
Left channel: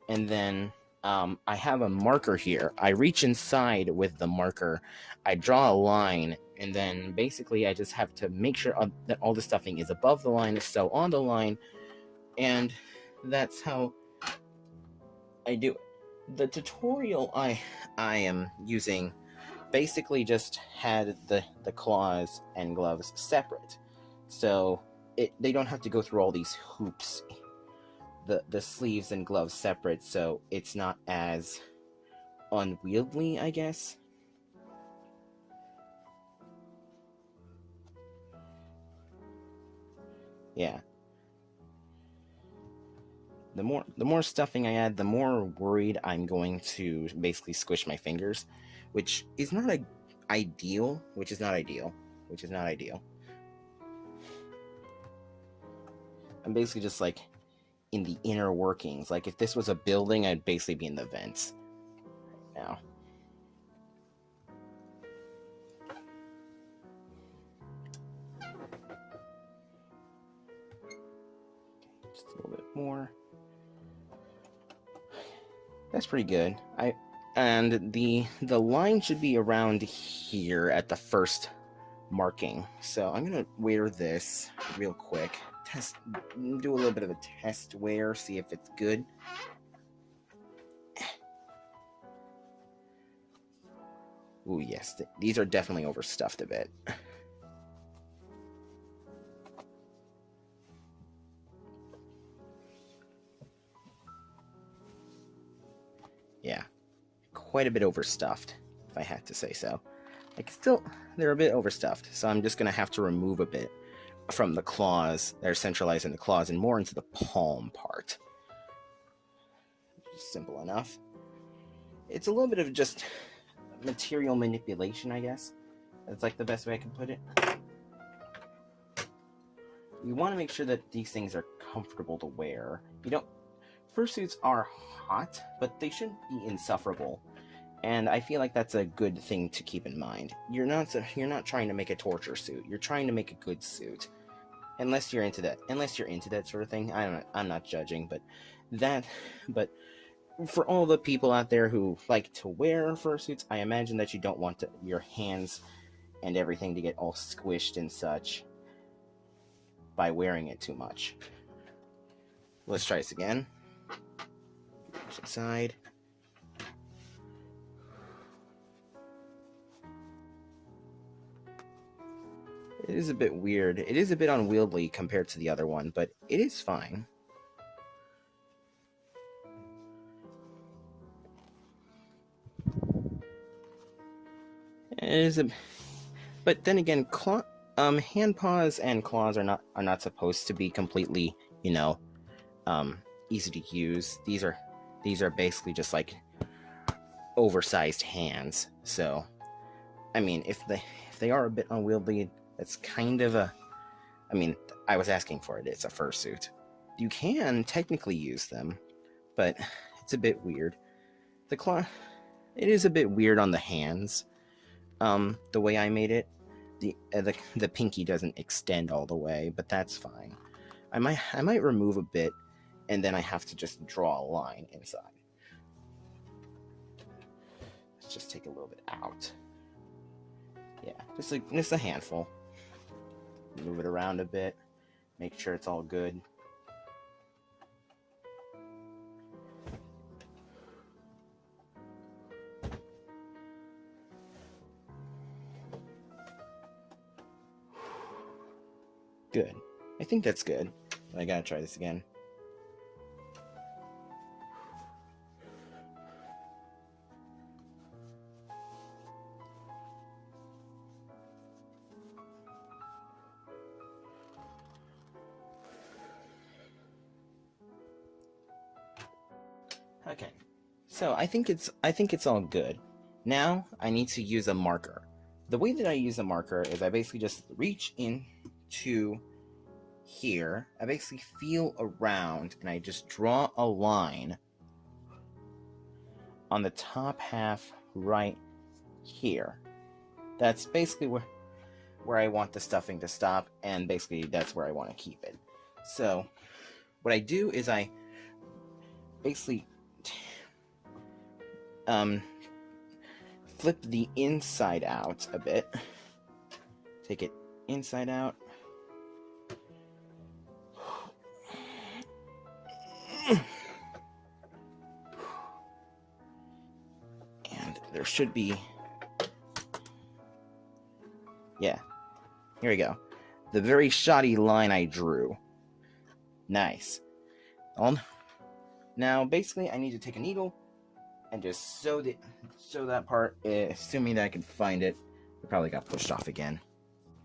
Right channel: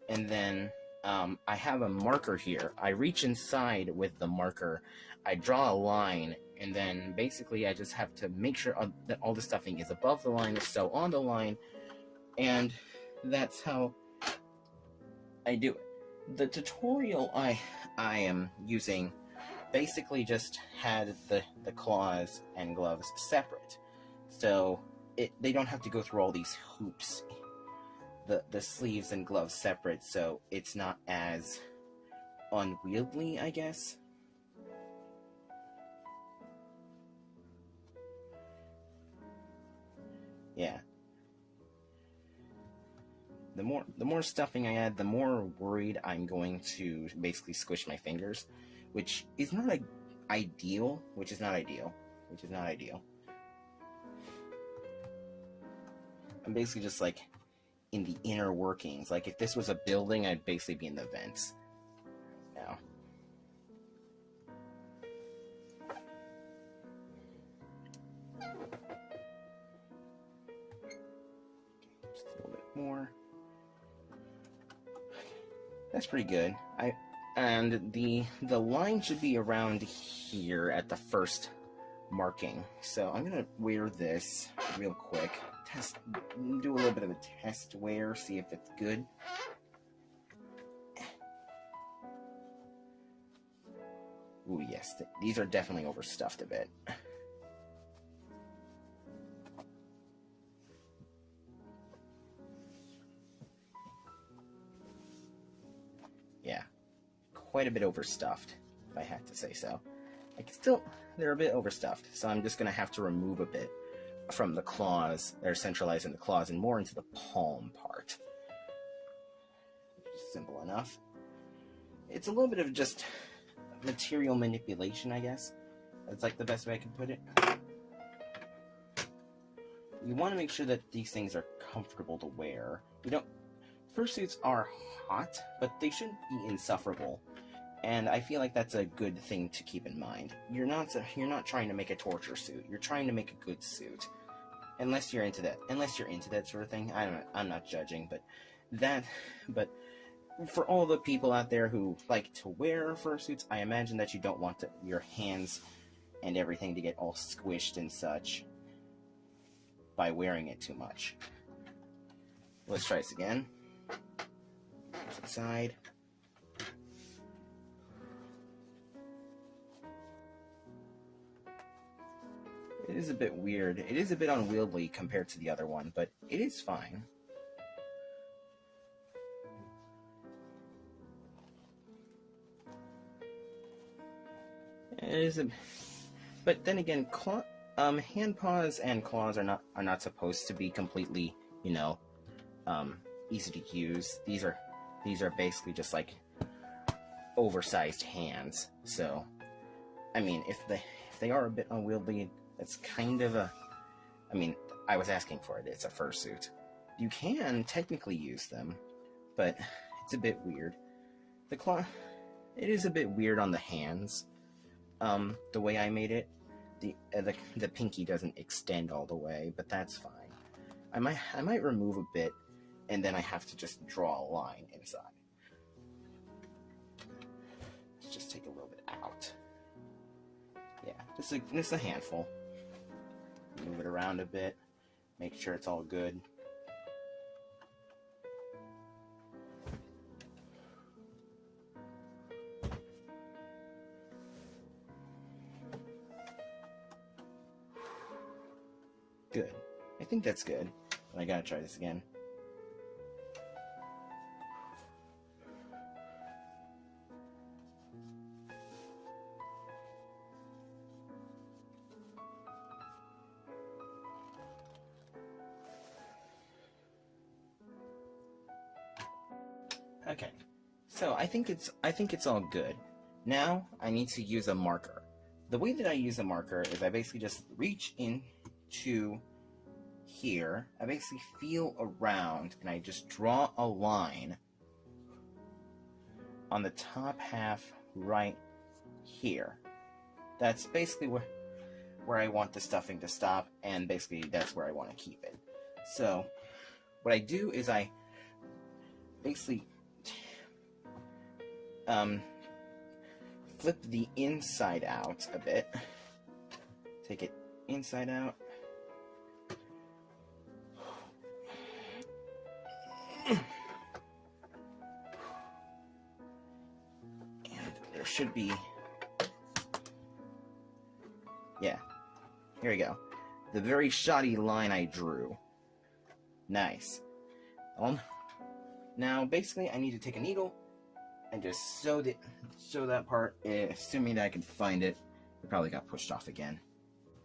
and then I have a marker here. I reach inside with the marker, I draw a line, and then basically I just have to make sure that all the stuffing is above the line, so on the line, and that's how I do it. The tutorial I am using basically just had the claws and gloves separate, so they don't have to go through all these hoops. The sleeves and gloves separate, so it's not as unwieldy, I guess. Yeah. The more stuffing I add, the more worried I'm going to basically squish my fingers, which is not ideal. I'm basically just like in the inner workings. Like if this was a building, I'd basically be in the vents now. Okay, just a little bit more. That's pretty good. And the line should be around here at the first marking. So I'm gonna wear this real quick. Do a little bit of a test wear, see if it's good. Ooh, yes, these are definitely overstuffed a bit. Yeah, quite a bit overstuffed, if I had to say so. They're a bit overstuffed, so I'm just gonna have to remove a bit from the claws. They're centralized in the claws and more into the palm part. Simple enough. It's a little bit of just material manipulation, I guess. That's like the best way I can put it. You want to make sure that these things are comfortable to wear. Fursuits are hot, but they shouldn't be insufferable. And I feel like that's a good thing to keep in mind. You're not trying to make a torture suit. You're trying to make a good suit. Unless you're into that sort of thing. I'm not judging, but for all the people out there who like to wear fursuits, I imagine that you don't want your hands and everything to get all squished and such by wearing it too much. Let's try this again. Push aside. It is a bit weird. It is a bit unwieldy compared to the other one, but it is fine. It is but then again, hand paws and claws are not supposed to be completely, easy to use. These are basically just like oversized hands. So, I mean, if they are a bit unwieldy, it's kind of I was asking for it. It's a fursuit. You can technically use them, but it's a bit weird. The claw, it is a bit weird on the hands. The way I made it, the pinky doesn't extend all the way, but that's fine. I might remove a bit, and then I have to just draw a line inside. Let's just take a little bit out. Yeah, just a handful. Move it around a bit, make sure it's all good. good. I think that's good. But I gotta try this again. Okay, so I think it's all good. Now I need to use a marker. The way that I use a marker is I basically just reach into here. I basically feel around and I just draw a line on the top half right here. That's basically where I want the stuffing to stop, and basically that's where I want to keep it. So what I do is I basically flip the inside out a bit. Take it inside out. And there should be... Yeah. Here we go. The very shoddy line I drew. Nice. Now, basically, I need to take a needle and just sew that part, assuming that I can find it. It probably got pushed off again.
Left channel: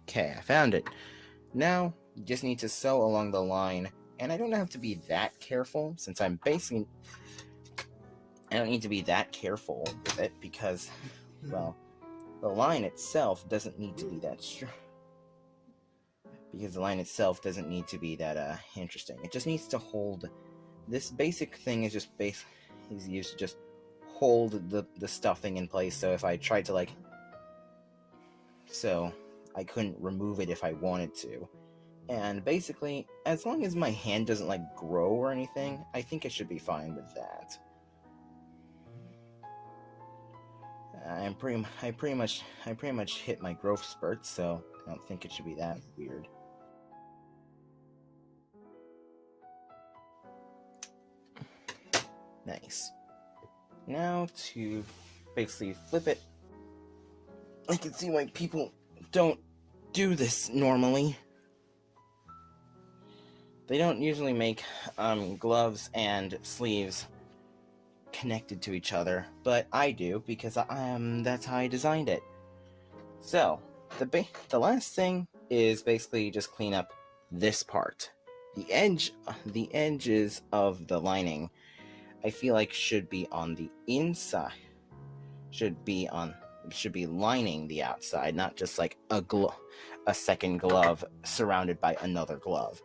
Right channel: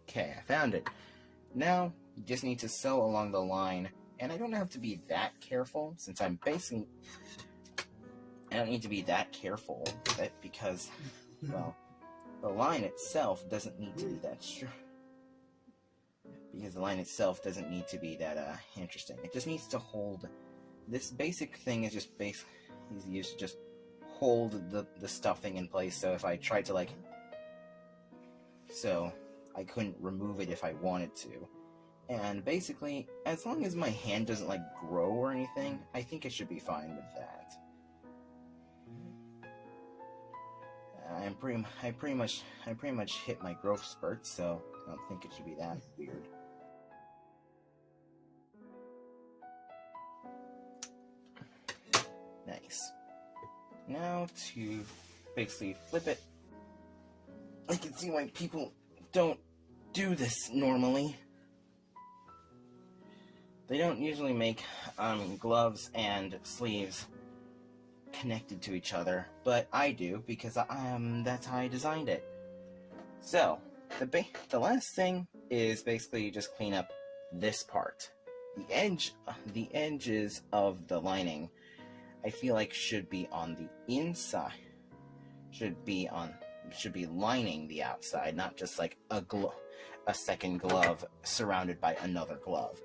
Okay, I found it. Now, you just need to sew along the line, and I don't have to be that careful, since I don't need to be that careful with it, because, well, the line itself doesn't need to be that strong. Because the line itself doesn't need to be that interesting. It just needs to hold. This basic thing is just is used to just hold the stuffing in place. So if I tried to so I couldn't remove it if I wanted to. And basically, as long as my hand doesn't grow or anything, I think it should be fine with that. I pretty much hit my growth spurt, so I don't think it should be that weird. Nice. Now to basically flip it. I can see why people don't do this normally. They don't usually make gloves and sleeves connected to each other, but I do because that's how I designed it. So the last thing is basically just clean up this part. The edges of the lining, I feel like should be on the inside. Should be lining the outside, not just like a second glove surrounded by another glove.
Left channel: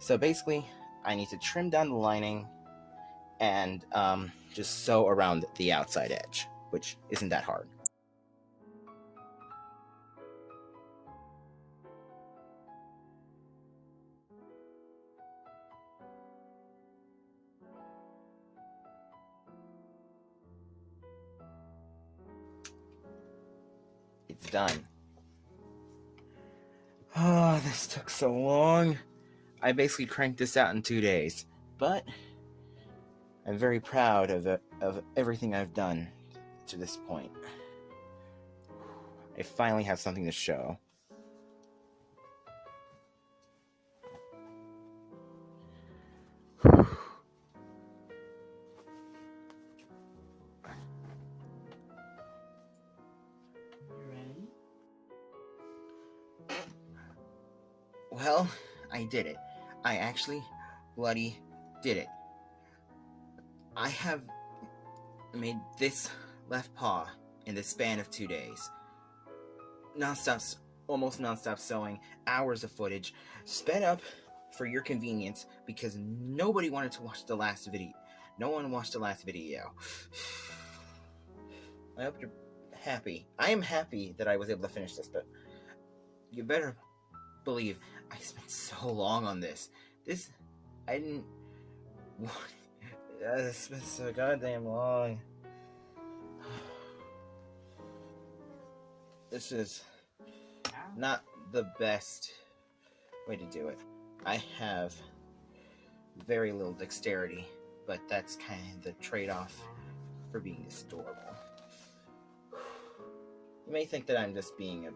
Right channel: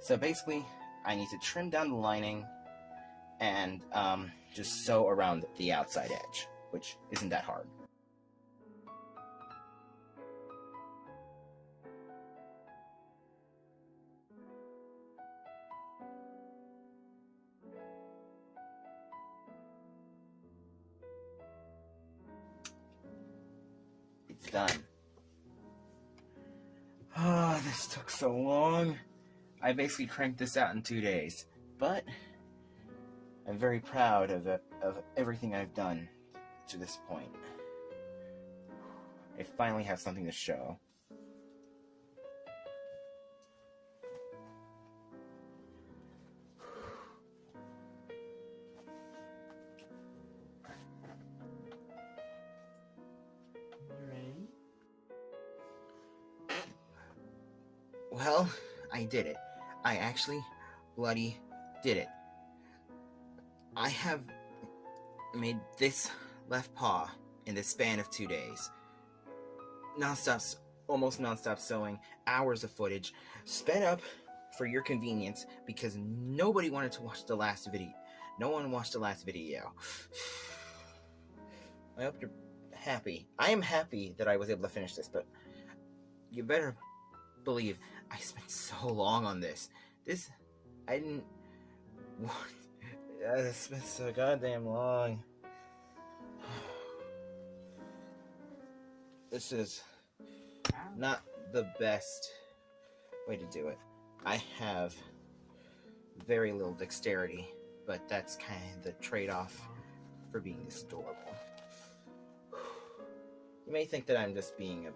So basically, I need to trim down the lining and just sew around the outside edge, which isn't that hard. It's done. Oh, this took so long. I basically cranked this out in 2 days, but I'm very proud of everything I've done to this point. I finally have something to show. Well, I did it. I actually bloody did it. I have made this left paw in the span of 2 days. Almost non-stop sewing, hours of footage, sped up for your convenience because nobody wanted to watch the last video. No one watched the last video. I hope you're happy. I am happy that I was able to finish this, but you better believe I spent so long on this. This spent so goddamn long. This is not the best way to do it. I have very little dexterity, but that's kind of the trade-off for being this adorable. You may think that I'm just being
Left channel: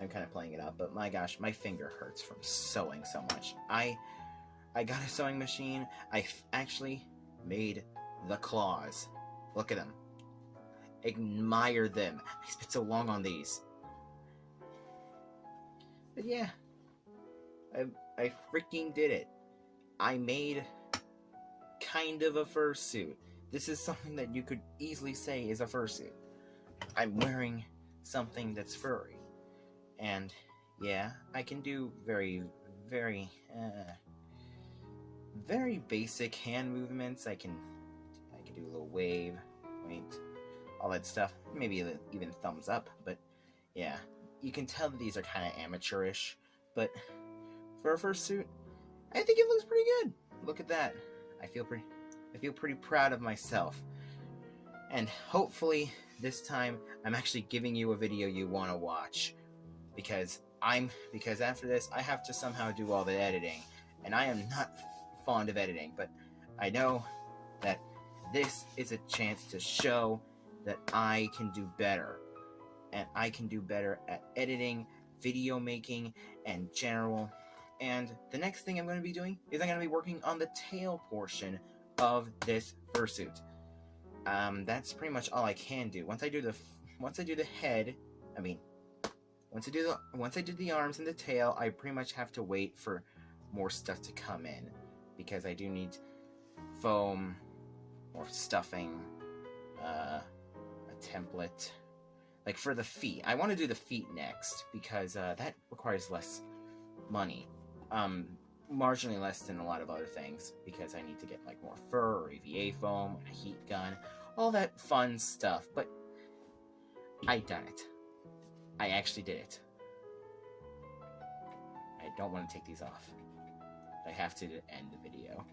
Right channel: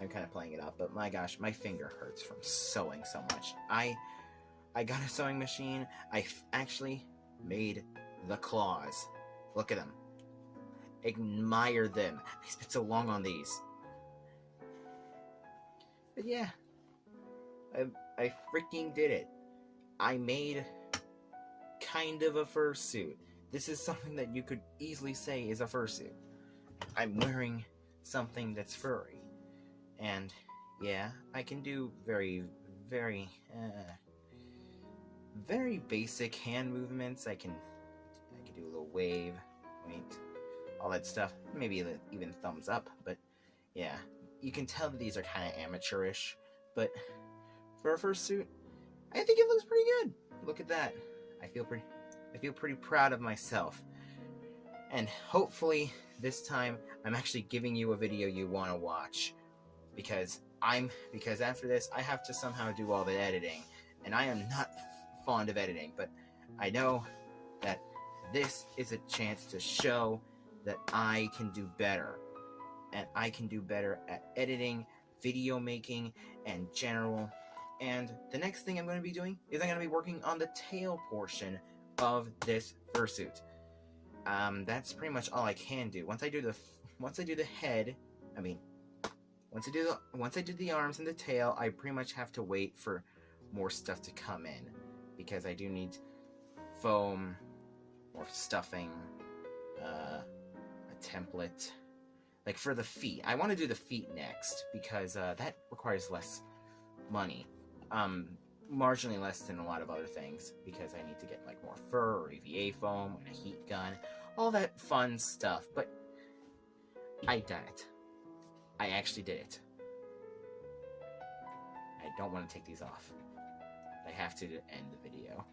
I'm kind of playing it up, but my gosh, my finger hurts from sewing so much. I got a sewing machine. I actually made the claws. Look at them. Admire them. I spent so long on these. But yeah, I freaking did it. I made kind of a fursuit. This is something that you could easily say is a fursuit. I'm wearing something that's furry. And yeah, I can do very basic hand movements. I can do a little wave, wait, all that stuff. Maybe even thumbs up. But yeah, you can tell that these are kind of amateurish. But for a fursuit, I think it looks pretty good. Look at that. I feel pretty proud of myself. And hopefully this time I'm actually giving you a video you want to watch, because after this I have to somehow do all the editing, and I am not fond of editing, but I know that this is a chance to show that I can do better, and I can do better at editing, video making, and general. And the next thing I'm going to be doing is I'm going to be working on the tail portion of this fursuit. That's pretty much all I can do. Once I do the head, I mean, once I do the arms and the tail, I pretty much have to wait for more stuff to come in, because I do need foam, more stuffing, a template. Like for the feet, I want to do the feet next, because that requires less money. Marginally less than a lot of other things, because I need to get like more fur or EVA foam and a heat gun, all that fun stuff. But I done it. I actually did it. I don't want to take these off. I have to end the video.